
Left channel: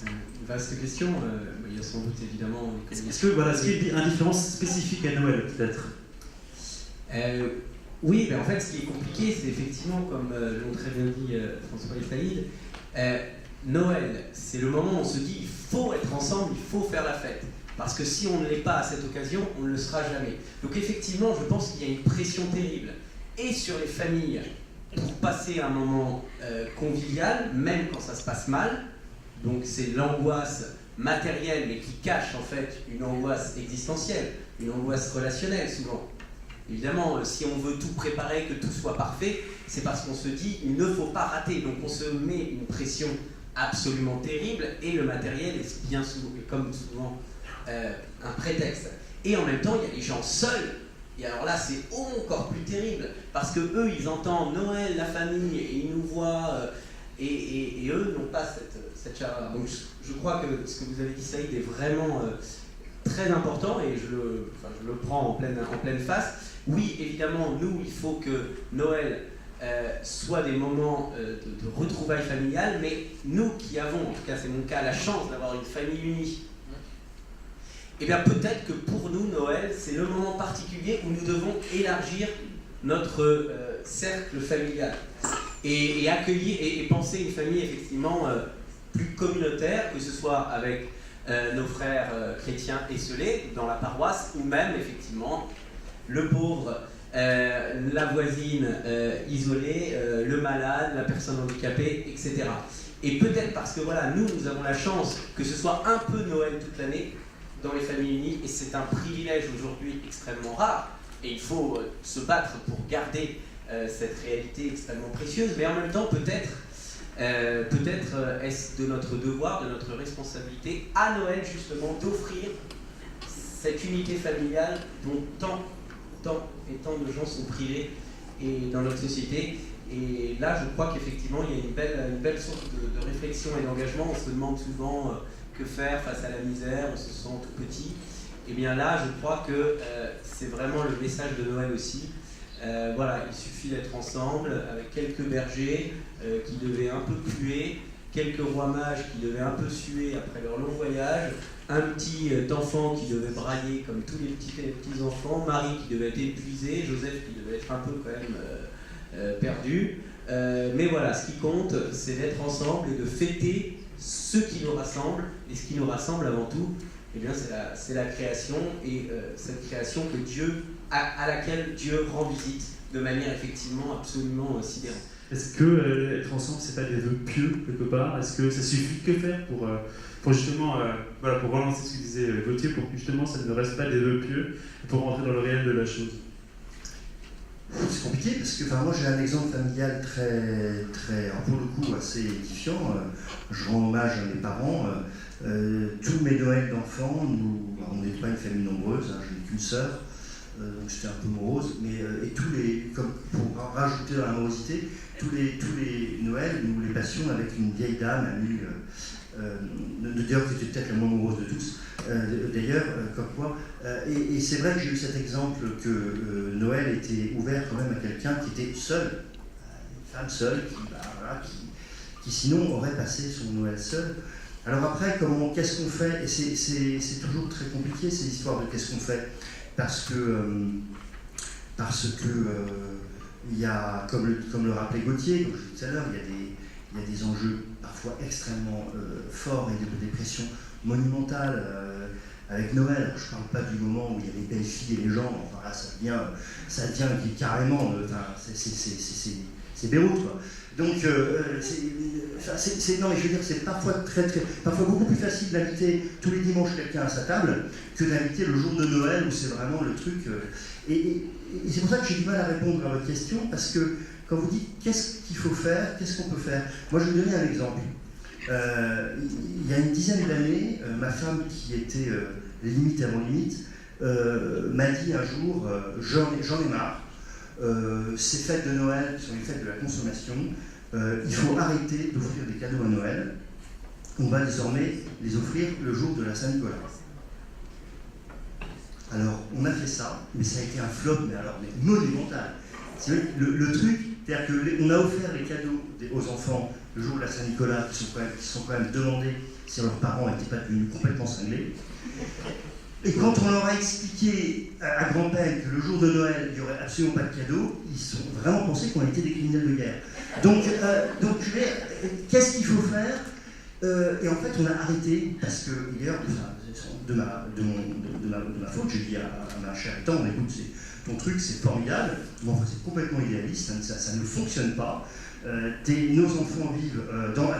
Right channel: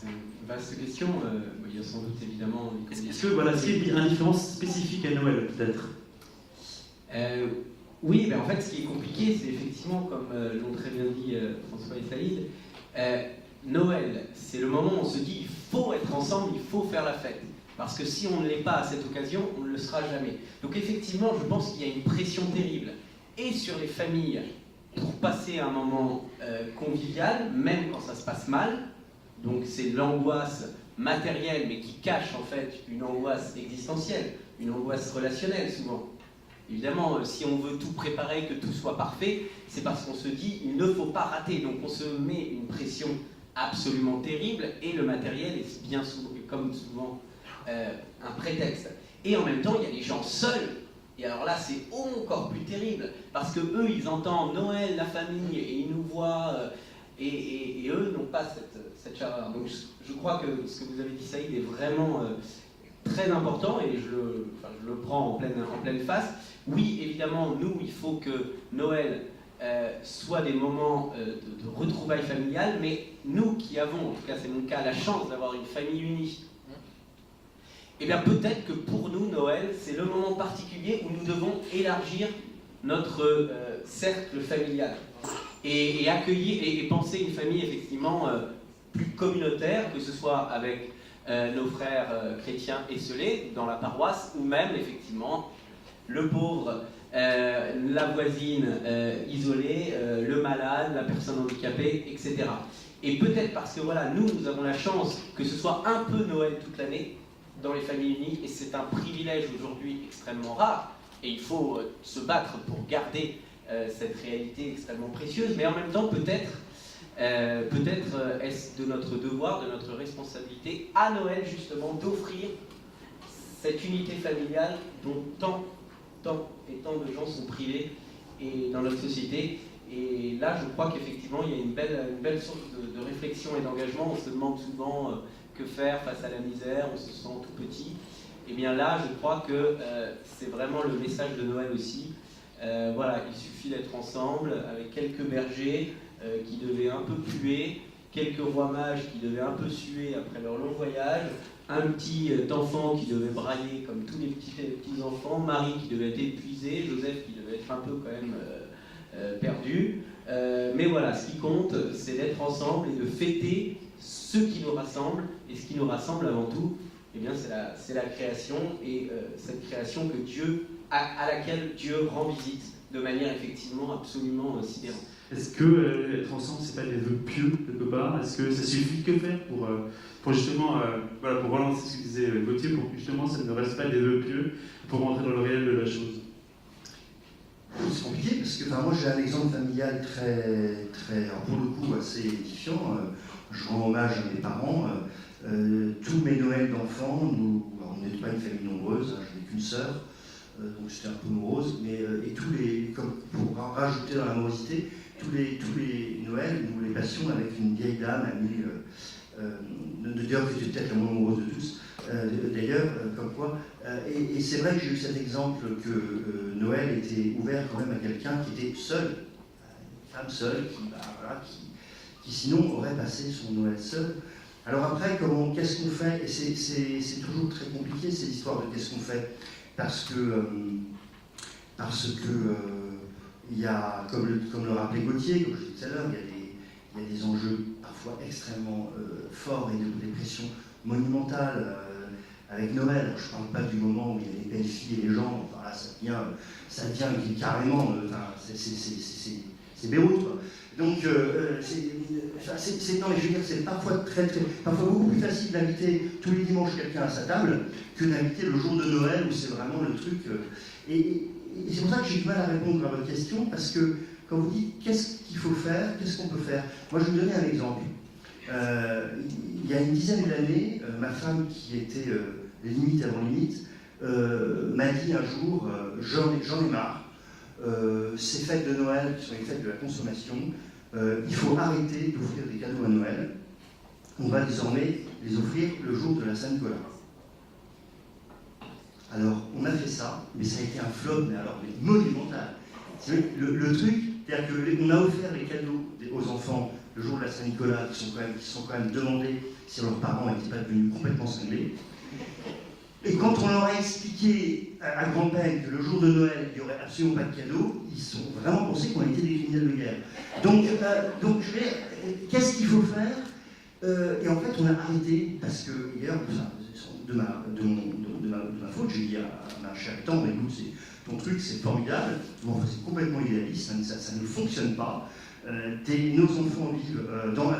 C'est une vaste question. Il y a sans doute évidemment. Est-ce qu'il y a une indifférence spécifique à Noël, peut-être? Oui, mais en fait, ce qui est compliqué, c'est effectivement, comme l'ont très bien dit François et Saïd, Noël, c'est le moment où on se dit il faut être ensemble, il faut faire la fête. Parce que si on ne l'est pas à cette occasion, on ne le sera jamais. Donc effectivement, je pense qu'il y a une pression terrible, et sur les familles, pour passer un moment convivial, même quand ça se passe mal. Donc c'est l'angoisse matérielle, mais qui cache en fait une angoisse existentielle, une angoisse relationnelle souvent. Évidemment, si on veut tout préparer, que tout soit parfait, c'est parce qu'on se dit il ne faut pas rater. Donc on se met une pression absolument terrible, et le matériel est bien souvent, comme souvent, un prétexte. Et en même temps, il y a les gens seuls. Et alors là, c'est encore plus terrible, parce que eux, ils entendent Noël, la famille, et ils nous voient, et eux n'ont pas cette chaleur. Donc je crois que ce que vous avez dit, Saïd, est vraiment très important, et je le prends en pleine face. Oui, évidemment, nous, il faut que Noël soit des moments de retrouvailles familiales, mais nous qui avons, en tout cas c'est mon cas, la chance d'avoir une famille unie, eh bien peut-être que pour nous, Noël, c'est le moment particulier où nous devons élargir notre cercle familial et accueillir et penser une famille effectivement plus communautaire, que ce soit avec nos frères chrétiens esselés dans la paroisse, ou même effectivement le pauvre, la voisine isolée, le malade, la personne handicapée, etc. Et peut-être parce que voilà, nous avons la chance que ce soit un peu Noël toute l'année dans les familles unies, et c'est un privilège aujourd'hui extrêmement rare, et il faut se battre pour garder cette réalité extrêmement précieuse, mais en même temps peut-être est-ce de notre devoir, de notre responsabilité à Noël justement d'offrir cette unité familiale dont tant et tant de gens sont privés et dans notre société. Et là, je crois qu'effectivement, il y a une belle source de réflexion et d'engagement. On se demande souvent que faire face à la misère, on se sent tout petit. Et bien là, je crois que c'est vraiment le message de Noël aussi. Voilà, il suffit d'être ensemble avec quelques bergers qui devaient un peu puer, quelques rois mages qui devaient un peu suer après leur long voyage, un petit enfant qui devait brailler comme tous les petits enfants, Marie qui devait être épuisée, Joseph qui devait être un peu quand même perdu. Mais voilà, ce qui compte, c'est d'être ensemble et de fêter ce qui nous rassemble. Et ce qui nous rassemble avant tout, eh bien, c'est la création, et cette création à laquelle Dieu rend visite de manière effectivement absolument sidérante. Est-ce que être ensemble, c'est pas des vœux pieux quelque part? Est-ce que ça suffit? Que faire pour justement, voilà, pour relancer ce que disait Gauthier, pour que justement ça ne reste pas des vœux pieux, pour rentrer dans le réel de la chose? C'est compliqué parce que moi j'ai un exemple familial très, alors pour le coup assez édifiant. Je rends hommage à mes parents. Tous mes Noëls d'enfants, on n'est pas une famille nombreuse, hein, je n'ai qu'une sœur, donc c'était un peu morose, mais et tous les, comme pour rajouter dans la morosité, tous les Noëls, nous les passions avec une vieille dame amie, d'ailleurs qui était peut-être la moins amoureuse de tous, d'ailleurs, comme quoi. Et c'est vrai que j'ai eu cet exemple que Noël était ouvert quand même à quelqu'un qui était seul, une femme seule, qui sinon aurait passé son Noël seul. Alors après, qu'est-ce qu'on fait? Et c'est toujours très compliqué ces histoires de qu'est-ce qu'on fait, parce que il y a, comme le rappelait Gauthier, comme je disais tout à l'heure, il y a des enjeux parfois extrêmement forts et des pressions monumentales avec Noël. Alors, je ne parle pas du moment où il y a les belles filles et les gens, enfin là ça devient carrément, c'est Beyrouth quoi. Donc non mais je veux dire c'est parfois parfois beaucoup plus facile d'inviter tous les dimanches quelqu'un à sa table que d'inviter le jour de Noël où c'est vraiment le truc. Et c'est pour ça que j'ai du mal à répondre à votre question, parce que quand vous dites qu'est-ce qu'il faut faire, qu'est-ce qu'on peut faire, moi je vais vous donner un exemple. Il y a une dizaine d'années, ma femme qui était limite avant limite m'a dit un jour j'en ai marre. Ces fêtes de Noël qui sont les fêtes de la consommation, il faut arrêter d'offrir des cadeaux à Noël. On va désormais les offrir le jour de la Saint-Nicolas. Alors, on a fait ça, mais ça a été un flop, mais monumental. Le truc, c'est-à-dire qu'on a offert les cadeaux aux enfants le jour de la Saint-Nicolas, qui sont quand même demandés si leurs parents n'étaient pas devenus complètement cinglés. Et quand on leur a expliqué à grand-peine que le jour de Noël, il n'y aurait absolument pas de cadeaux, ils ont vraiment pensé qu'on était des criminels de guerre. Donc qu'est-ce qu'il faut faire? Et en fait, on a arrêté, parce que, d'ailleurs, de ma faute, j'ai dit à ma chère tante, écoute, ton truc, c'est formidable, mais enfin, c'est complètement idéaliste, ça ne fonctionne pas. Nos enfants vivent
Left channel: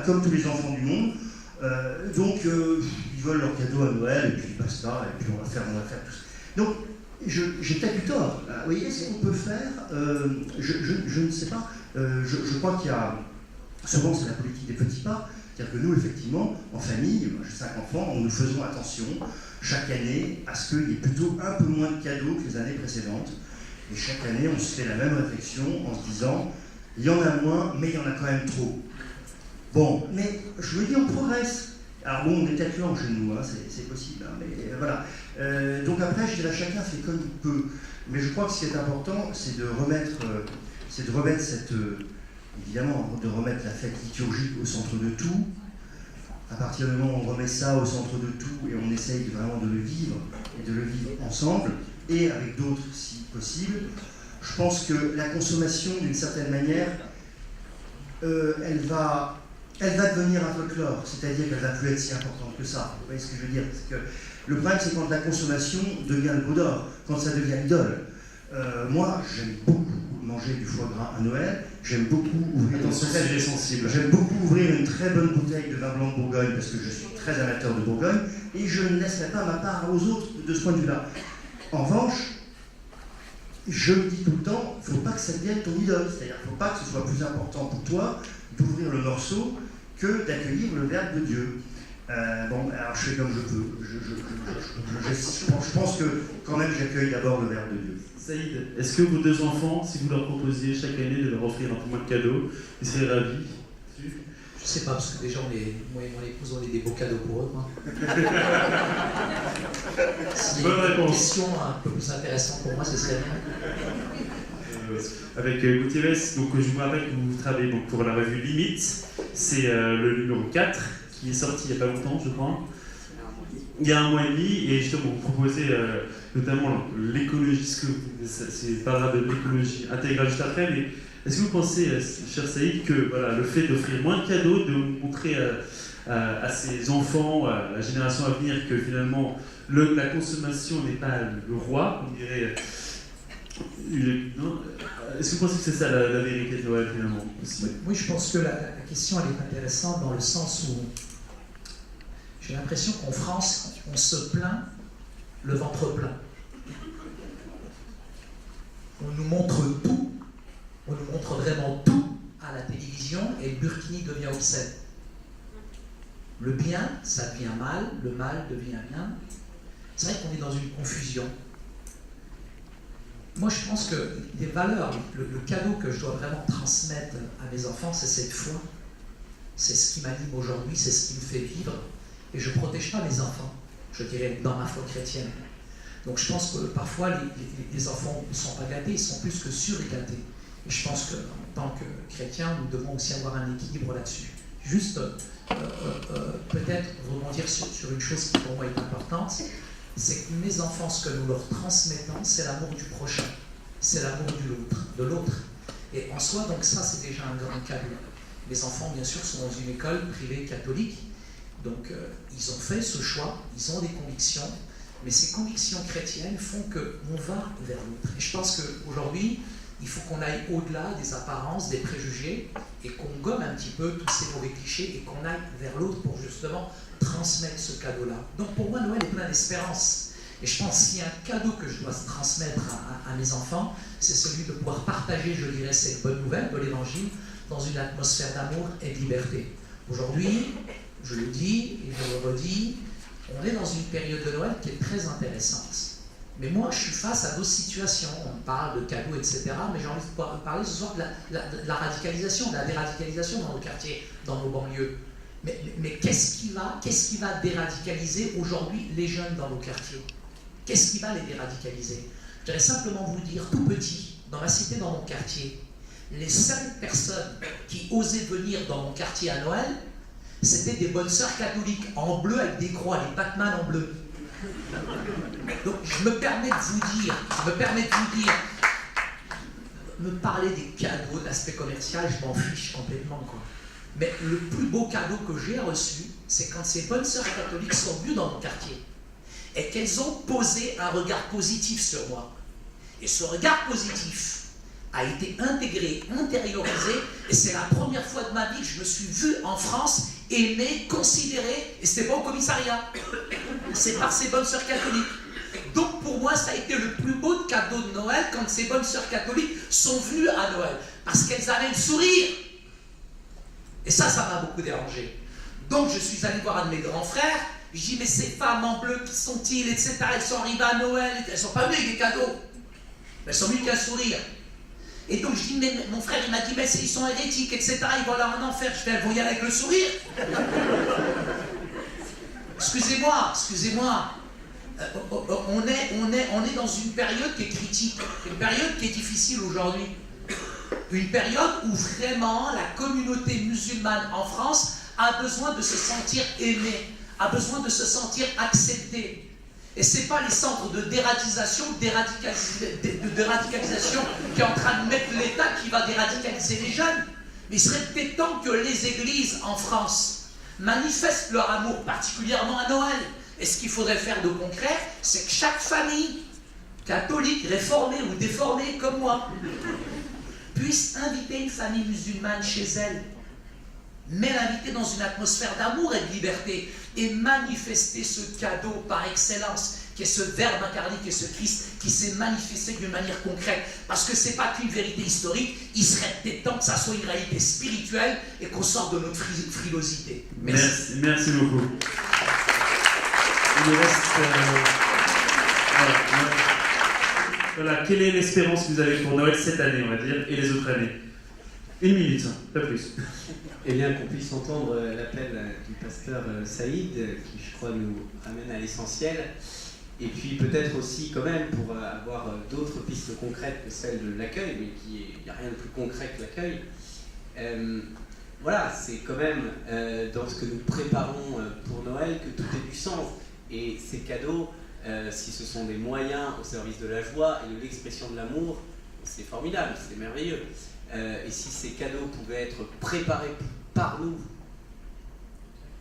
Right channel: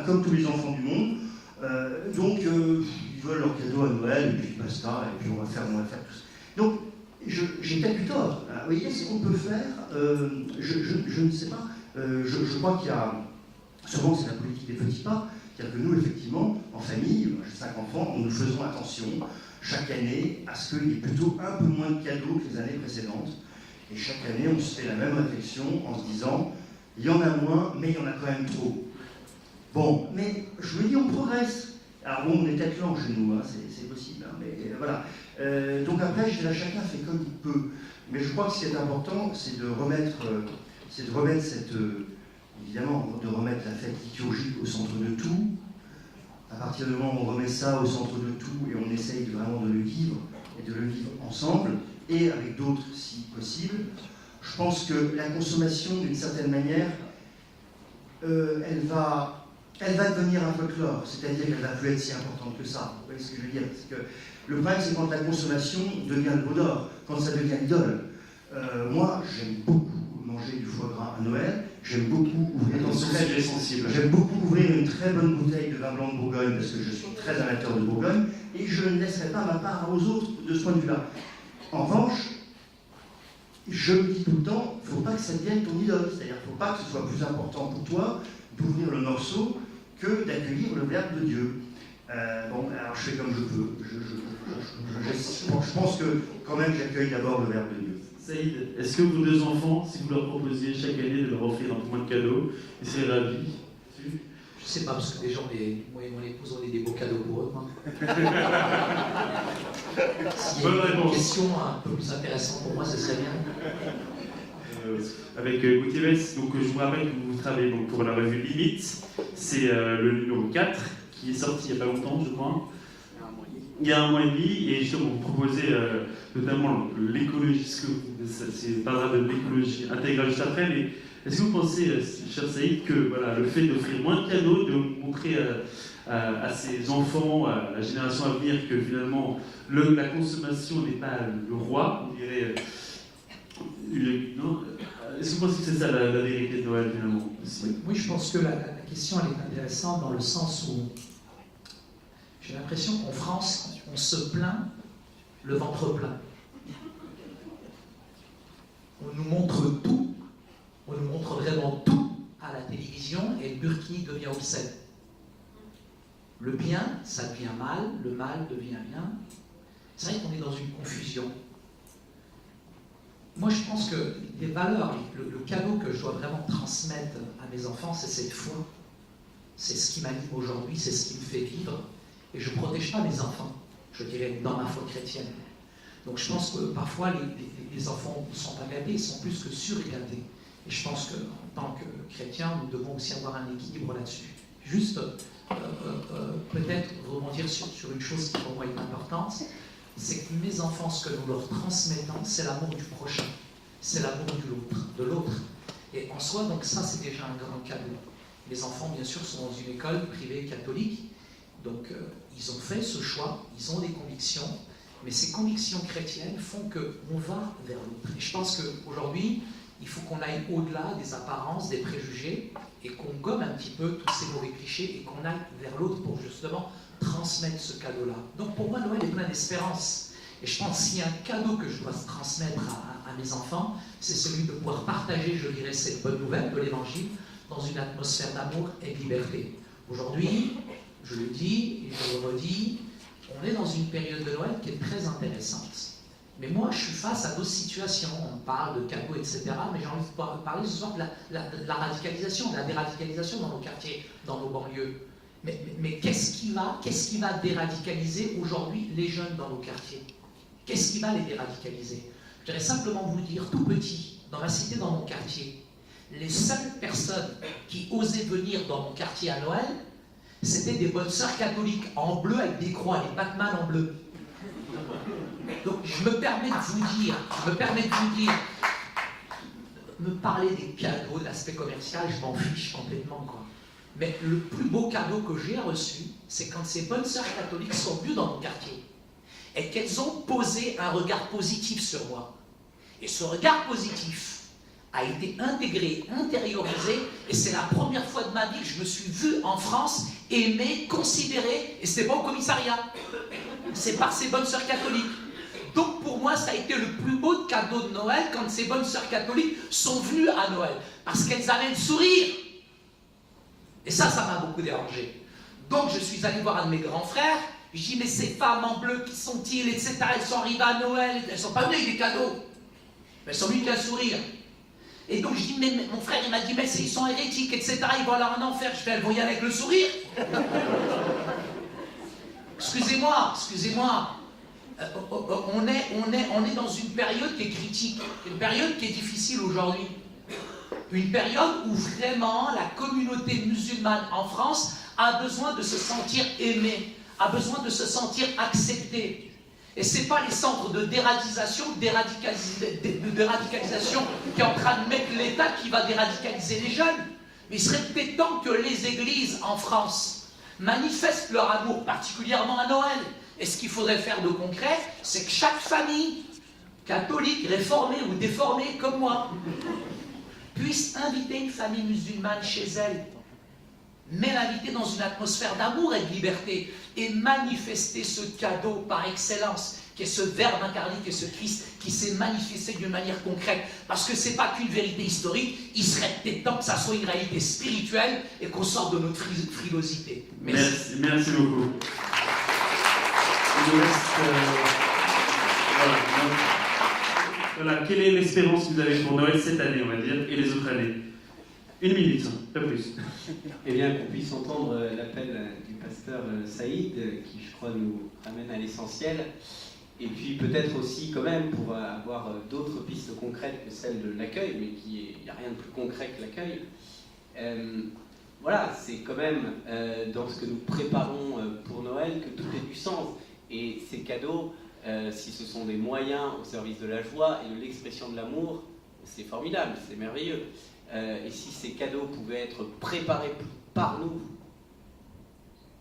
comme tous les enfants du monde, donc ils veulent leur cadeau à Noël, et puis basta, et puis on va faire tout ça. Donc, j'ai peut-être eu tort. Vous voyez ce qu'on peut faire? Je ne sais pas. Je crois qu'il y a... Souvent, c'est la politique des petits pas. C'est-à-dire que nous, effectivement, en famille, moi j'ai 5 enfants, nous faisons attention chaque année à ce qu'il y ait plutôt un peu moins de cadeaux que les années précédentes. Et chaque année, on se fait la même réflexion en se disant, il y en a moins, mais il y en a quand même trop. Bon, mais je vous le dis, on progresse. Alors bon, on est peut-être lent chez nous, hein, c'est possible, hein, mais voilà. Donc après, je dirais, chacun fait comme il peut. Mais je crois que ce qui est important, c'est de remettre cette... évidemment, de remettre la fête liturgique au centre de tout. À partir du moment où on remet ça au centre de tout et on essaye vraiment de le vivre, et de le vivre ensemble, et avec d'autres si possible, je pense que la consommation, d'une certaine manière, elle va devenir un folklore, c'est-à-dire qu'elle ne va plus être si importante que ça. Vous voyez ce que je veux dire? Parce que le problème, c'est quand la consommation devient le beau d'or, quand ça devient l'idole. Moi, j'aime beaucoup manger du foie gras à Noël, j'aime beaucoup ouvrir une très bonne bouteille de vin blanc de Bourgogne, parce que je suis très amateur de Bourgogne, et je ne laisserai pas ma part aux autres de ce point de vue-là. En revanche, je me dis tout le temps, il ne faut pas que ça devienne ton idole, c'est-à-dire qu'il ne faut pas que ce soit plus important pour toi d'ouvrir le morceau que d'accueillir le Verbe de Dieu. Bon, alors je fais comme je peux. Je pense que quand même j'accueille d'abord le Verbe de Dieu. Saïd, est-ce que vos 2 enfants, si vous leur proposiez chaque année de leur offrir un peu moins de cadeaux, ils seraient ravis? Je ne sais pas, parce que déjà, moi et mon épouse, on est des beaux cadeaux pour eux. S'il y a une question un peu plus intéressante pour moi, ce serait bien. Avec Gauthier Bess, donc je vous rappelle que vous travaillez donc, pour la revue Limite, c'est le numéro 4 qui est sorti il n'y a pas longtemps, je crois. Il y a 1 mois et demi, et justement vous proposez notamment l'écologie, c'est parlera de l'écologie intégrale juste après, mais est-ce que vous pensez, cher Saïd, que voilà, le fait d'offrir moins de cadeaux, de montrer à ses enfants, à la génération à venir, que finalement la consommation n'est pas le roi, on dirait... Non, Est-ce que vous pensez que c'est ça la vérité de Noël finalement? Oui, je pense que la question elle est intéressante dans le sens où j'ai l'impression qu'en France, on se plaint le ventre plein. On nous montre tout, on nous montre vraiment tout à la télévision et le burkini devient obscène. Le bien, ça devient mal, le mal devient bien. C'est vrai qu'on est dans une confusion. Moi, je pense que les valeurs, le cadeau que je dois vraiment transmettre à mes enfants, c'est cette foi. C'est ce qui m'anime aujourd'hui, c'est ce qui me fait vivre. Et je ne protège pas mes enfants, je dirais, dans ma foi chrétienne. Donc je pense que parfois, les enfants ne sont pas gâtés, ils sont plus que surgâtés. Et je pense qu'en tant que chrétiens, nous devons aussi avoir un équilibre là-dessus. Juste, peut-être rebondir sur une chose qui pour moi est importante, c'est que mes enfants, ce que nous leur transmettons, c'est l'amour du prochain, c'est l'amour de l'autre. Et en soi, donc ça, c'est déjà un grand cadeau. Les enfants, bien sûr, sont dans une école privée catholique, donc ils ont fait ce choix, ils ont des convictions, mais ces convictions chrétiennes font qu'on va vers l'autre. Et je pense qu'aujourd'hui, il faut qu'on aille au-delà des apparences, des préjugés, et qu'on gomme un petit peu tous ces mauvais clichés, et qu'on aille vers l'autre pour justement transmettre ce cadeau-là. Donc pour moi, Noël est plein d'espérance. Et je pense qu'il y a un cadeau que je dois transmettre à mes enfants, c'est celui de pouvoir partager, je dirais, cette bonne nouvelle de l'Évangile dans une atmosphère d'amour et de liberté. Aujourd'hui, je le dis et je le redis, on est dans une période de Noël qui est très intéressante. Mais moi, je suis face à d'autres situations. On parle de cadeaux, etc. Mais j'ai envie de parler ce soir de la radicalisation, de la déradicalisation dans nos quartiers, dans nos banlieues. Mais qu'est-ce qui va déradicaliser aujourd'hui les jeunes dans nos quartiers? Qu'est-ce qui va les déradicaliser? Je voudrais simplement vous dire, tout petit, dans ma cité, dans mon quartier, les 5 personnes qui osaient venir dans mon quartier à Noël, c'était des bonnes sœurs catholiques, en bleu avec des croix, les Batman en bleu. Donc je me permets de vous dire, me parler des cadeaux, de l'aspect commercial, je m'en fiche complètement, quoi. Mais le plus beau cadeau que j'ai reçu, c'est quand ces bonnes sœurs catholiques sont venues dans mon quartier et qu'elles ont posé un regard positif sur moi. Et ce regard positif a été intégré, intériorisé, et c'est la première fois de ma vie que je me suis vu en France aimé, considéré, et c'était pas au commissariat, c'est par ces bonnes sœurs catholiques. Donc pour moi, ça a été le plus beau cadeau de Noël quand ces bonnes sœurs catholiques sont venues à Noël, parce qu'elles avaient le sourire. Et ça m'a beaucoup dérangé. Donc je suis allé voir un de mes grands frères, je dis, mais ces femmes en bleu, qui sont-ils, etc. Elles sont arrivées à Noël, elles ne sont pas venues avec des cadeaux, mais elles sont venues avec un sourire. Et donc je dis, mais mon frère il m'a dit, mais ils sont hérétiques, etc. Ils vont aller en enfer. Je fais, elles vont y aller avec le sourire. Excusez-moi. On est dans une période qui est critique, une période qui est difficile aujourd'hui. Une période où vraiment la communauté musulmane en France a besoin de se sentir aimée, a besoin de se sentir acceptée. Et ce n'est pas les centres de déradicalisation qui est en train de mettre l'État qui va déradicaliser les jeunes. Mais il serait peut-être temps que les églises en France manifestent leur amour, particulièrement à Noël. Et ce qu'il faudrait faire de concret, c'est que chaque famille catholique, réformée ou déformée comme moi, puisse inviter une famille musulmane chez elle, mais l'inviter dans une atmosphère d'amour et de liberté, et manifester ce cadeau par excellence, qui est ce Verbe incarné, qui est ce Christ, qui s'est manifesté d'une manière concrète. Parce que ce n'est pas qu'une vérité historique, il serait peut-être temps que ça soit une réalité spirituelle, et qu'on sorte de notre frilosité. Merci beaucoup. Il nous reste... Voilà, quelle est l'espérance que vous avez pour Noël cette année, on va dire, et les autres années? 1 minute, pas plus. Eh bien, qu'on puisse entendre l'appel du pasteur Saïd, qui, je crois, nous ramène à l'essentiel. Et puis, peut-être aussi, quand même, pour avoir d'autres pistes concrètes que celle de l'accueil, mais il n'y a rien de plus concret que l'accueil. Voilà, c'est quand même dans ce que nous préparons pour Noël que tout est du sens. Et ces cadeaux, si ce sont des moyens au service de la joie et de l'expression de l'amour, c'est formidable, c'est merveilleux. Et si ces cadeaux pouvaient être préparés par nous,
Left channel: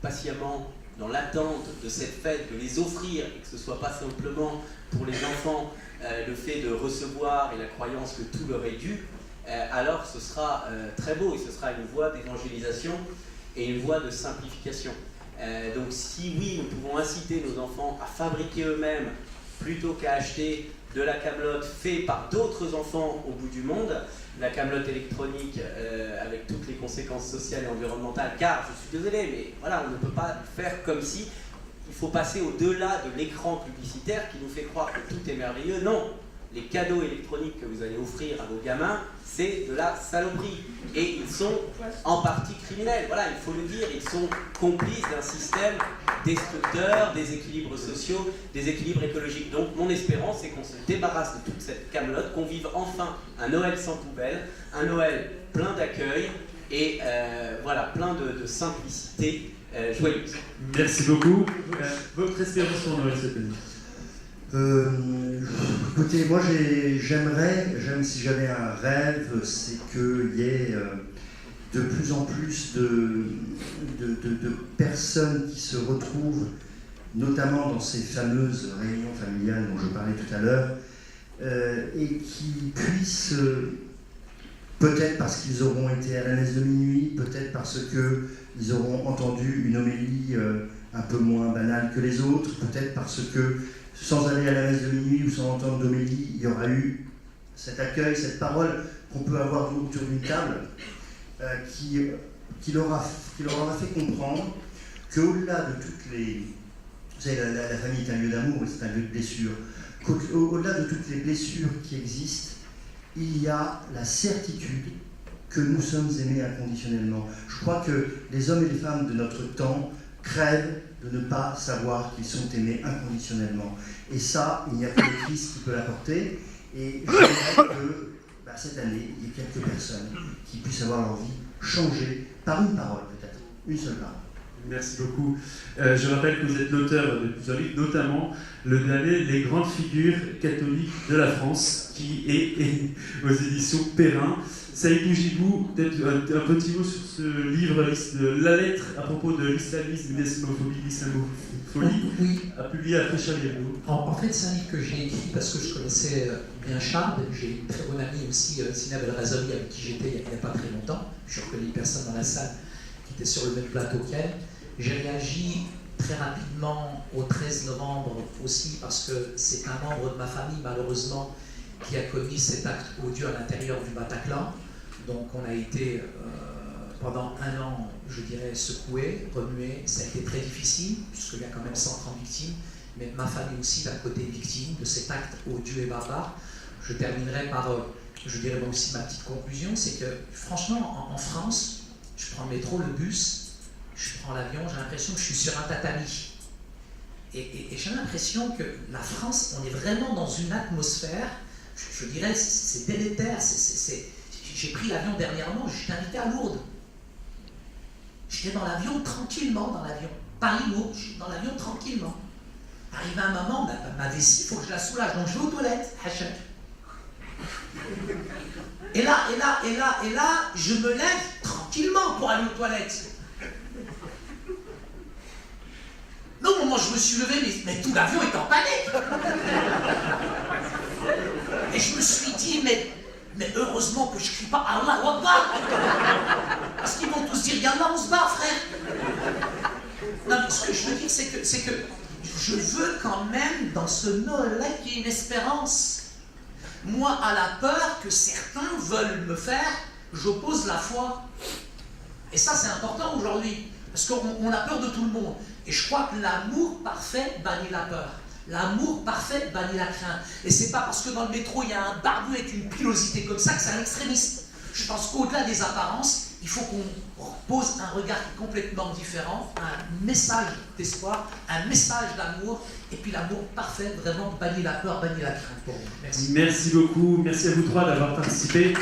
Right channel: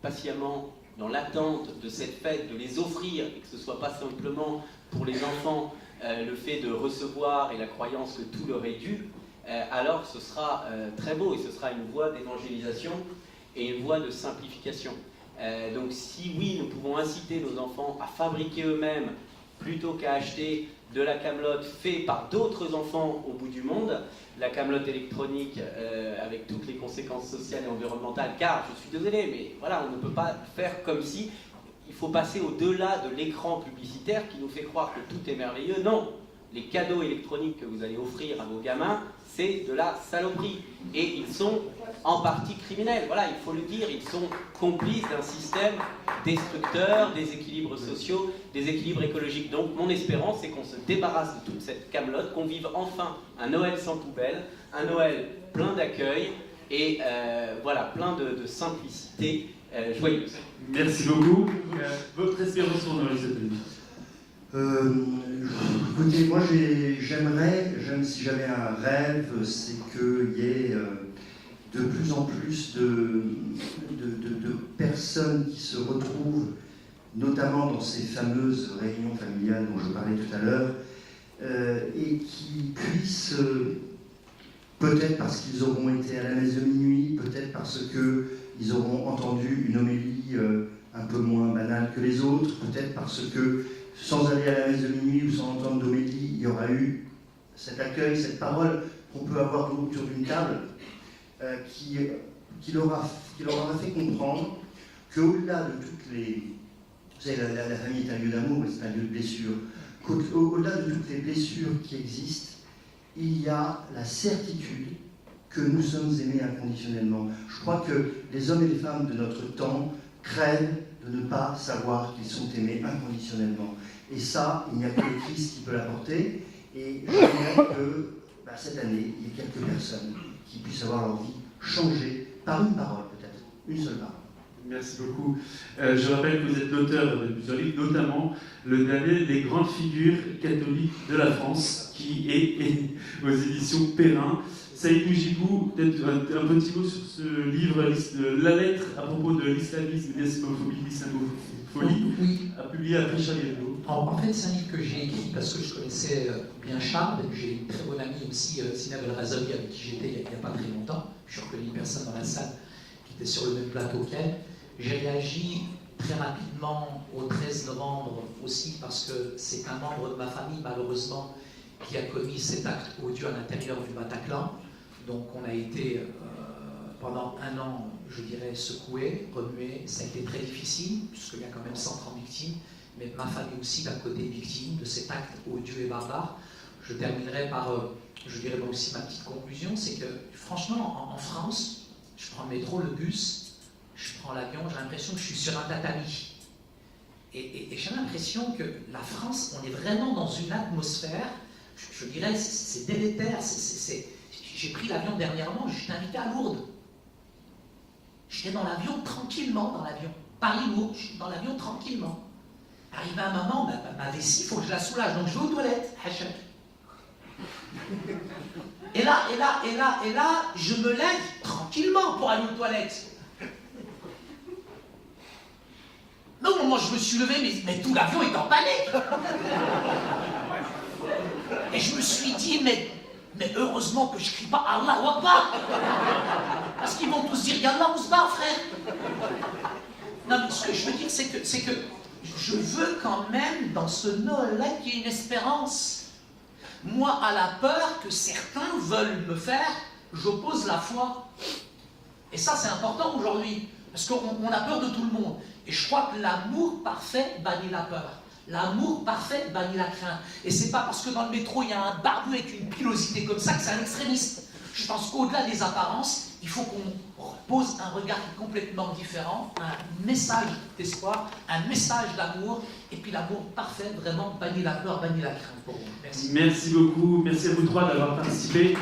patiemment, dans l'attente de cette fête, de les offrir, et que ce ne soit pas simplement pour les enfants le fait de recevoir et la croyance que tout leur est dû, alors ce sera très beau et ce sera une voie d'évangélisation et une voie de simplification. Donc si oui, nous pouvons inciter nos enfants à fabriquer eux-mêmes plutôt qu'à acheter de la camelote faite par d'autres enfants au bout du monde, la camelote électronique avec toutes les conséquences sociales et environnementales, car je suis désolé, mais voilà, on ne peut pas faire comme si il faut passer au-delà de l'écran publicitaire qui nous fait croire que tout est merveilleux. Non, les cadeaux électroniques que vous allez offrir à vos gamins, c'est de la saloperie. Et ils sont en partie criminels. Voilà, il faut le dire, ils sont complices d'un système destructeur, des équilibres sociaux, des équilibres écologiques. Donc mon espérance, c'est qu'on se débarrasse de toute cette camelote, qu'on vive enfin un Noël sans poubelle, un Noël plein d'accueil et voilà, plein de simplicité joyeuse. Merci beaucoup. Votre espérance pour Noël cette année? Écoutez, moi si j'avais un rêve, c'est qu'il y ait de plus en plus de personnes qui se retrouvent, notamment dans ces fameuses réunions familiales dont je parlais tout à l'heure, et qui puissent, peut-être parce qu'ils auront été à la messe de minuit, peut-être parce qu'ils auront entendu une homélie un peu moins banale que les autres, peut-être parce que sans aller à la messe de minuit ou sans entendre d'homélie, il y aura eu cet accueil, cette parole qu'on peut avoir autour d'une table qui leur aura fait comprendre qu'au-delà de toutes les... Vous savez, la famille est un lieu d'amour, c'est un lieu de blessure. Au-delà de toutes les blessures qui existent, il y a la certitude que nous sommes aimés inconditionnellement. Je crois que les hommes et les femmes de notre temps craignent de ne pas savoir qu'ils sont aimés inconditionnellement. Et ça, il n'y a que le Christ qui peut l'apporter. Et j'aimerais que cette année, il y ait quelques personnes qui puissent avoir leur vie changée par une parole, peut-être, une seule parole. Merci beaucoup. Je rappelle que vous êtes l'auteur de plusieurs livres, notamment le dernier, Les grandes figures catholiques de la France, qui est aux éditions Perrin. Saïd Bougibou, peut-être un petit mot sur ce livre, la lettre à propos de l'islamisme, l'islamophobie, Oui. a publié après Charlie Hebdo. En fait, c'est un livre que j'ai écrit parce que je connaissais bien Charles. J'ai une très bonne amie aussi, Sinab El Razali, avec qui j'étais il n'y a pas très longtemps. Je reconnais une personne dans la salle qui était sur le même plateau qu'elle. J'ai réagi très rapidement au 13 novembre aussi parce que c'est un membre de ma famille, malheureusement, qui a commis cet acte odieux à l'intérieur du Bataclan. Donc on a été pendant un an, je dirais, secoué, remué. Ça a été très difficile, puisqu'il y a quand même 130 victimes, mais ma famille aussi, d'un côté, victime de cet acte odieux et barbare. Je terminerai par, je dirais moi aussi, ma petite conclusion, c'est que franchement, en France, je prends le métro, le bus, je prends l'avion, j'ai l'impression que je suis sur un tatami. Et j'ai l'impression que la France, on est vraiment dans une atmosphère, je dirais, c'est délétère. J'ai pris l'avion dernièrement, j'étais invité à Lourdes. J'étais dans l'avion tranquillement, dans l'avion. Paris-Lourdes, j'étais dans l'avion tranquillement. Arrivé un moment, ma vessie, il faut que je la soulage, donc je vais aux toilettes, hachak. Et là, je me lève tranquillement pour aller aux toilettes. Mais au moment où je me suis levé, mais tout l'avion est en panique. Et je me suis dit, mais heureusement que je ne crie pas Allahu Akbar. Parce qu'ils vont tous dire Yallah, on se bat, frère. Non, mais ce que je veux dire, c'est que je veux quand même, dans ce Noël-là, qu'il y ait une espérance. Moi, à la peur que certains veulent me faire, j'oppose la foi. Et ça, c'est important aujourd'hui. Parce qu'on a peur de tout le monde. Et je crois que l'amour parfait bannit la peur. L'amour parfait bannit la crainte. Et c'est pas parce que dans le métro il y a un barbu avec une pilosité comme ça que c'est un extrémiste. Je pense qu'au-delà des apparences, il faut qu'on pose un regard complètement différent, un message d'espoir, un message d'amour, et puis l'amour parfait vraiment bannit la peur, bannit la crainte pour vous. Merci. Merci beaucoup, merci à vous trois d'avoir participé.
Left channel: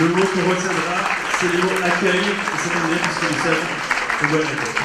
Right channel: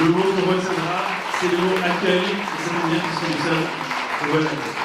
Le mot qu'on retiendra, c'est le mot accueil, et ça tombe bien puisque nous sommes au Washington.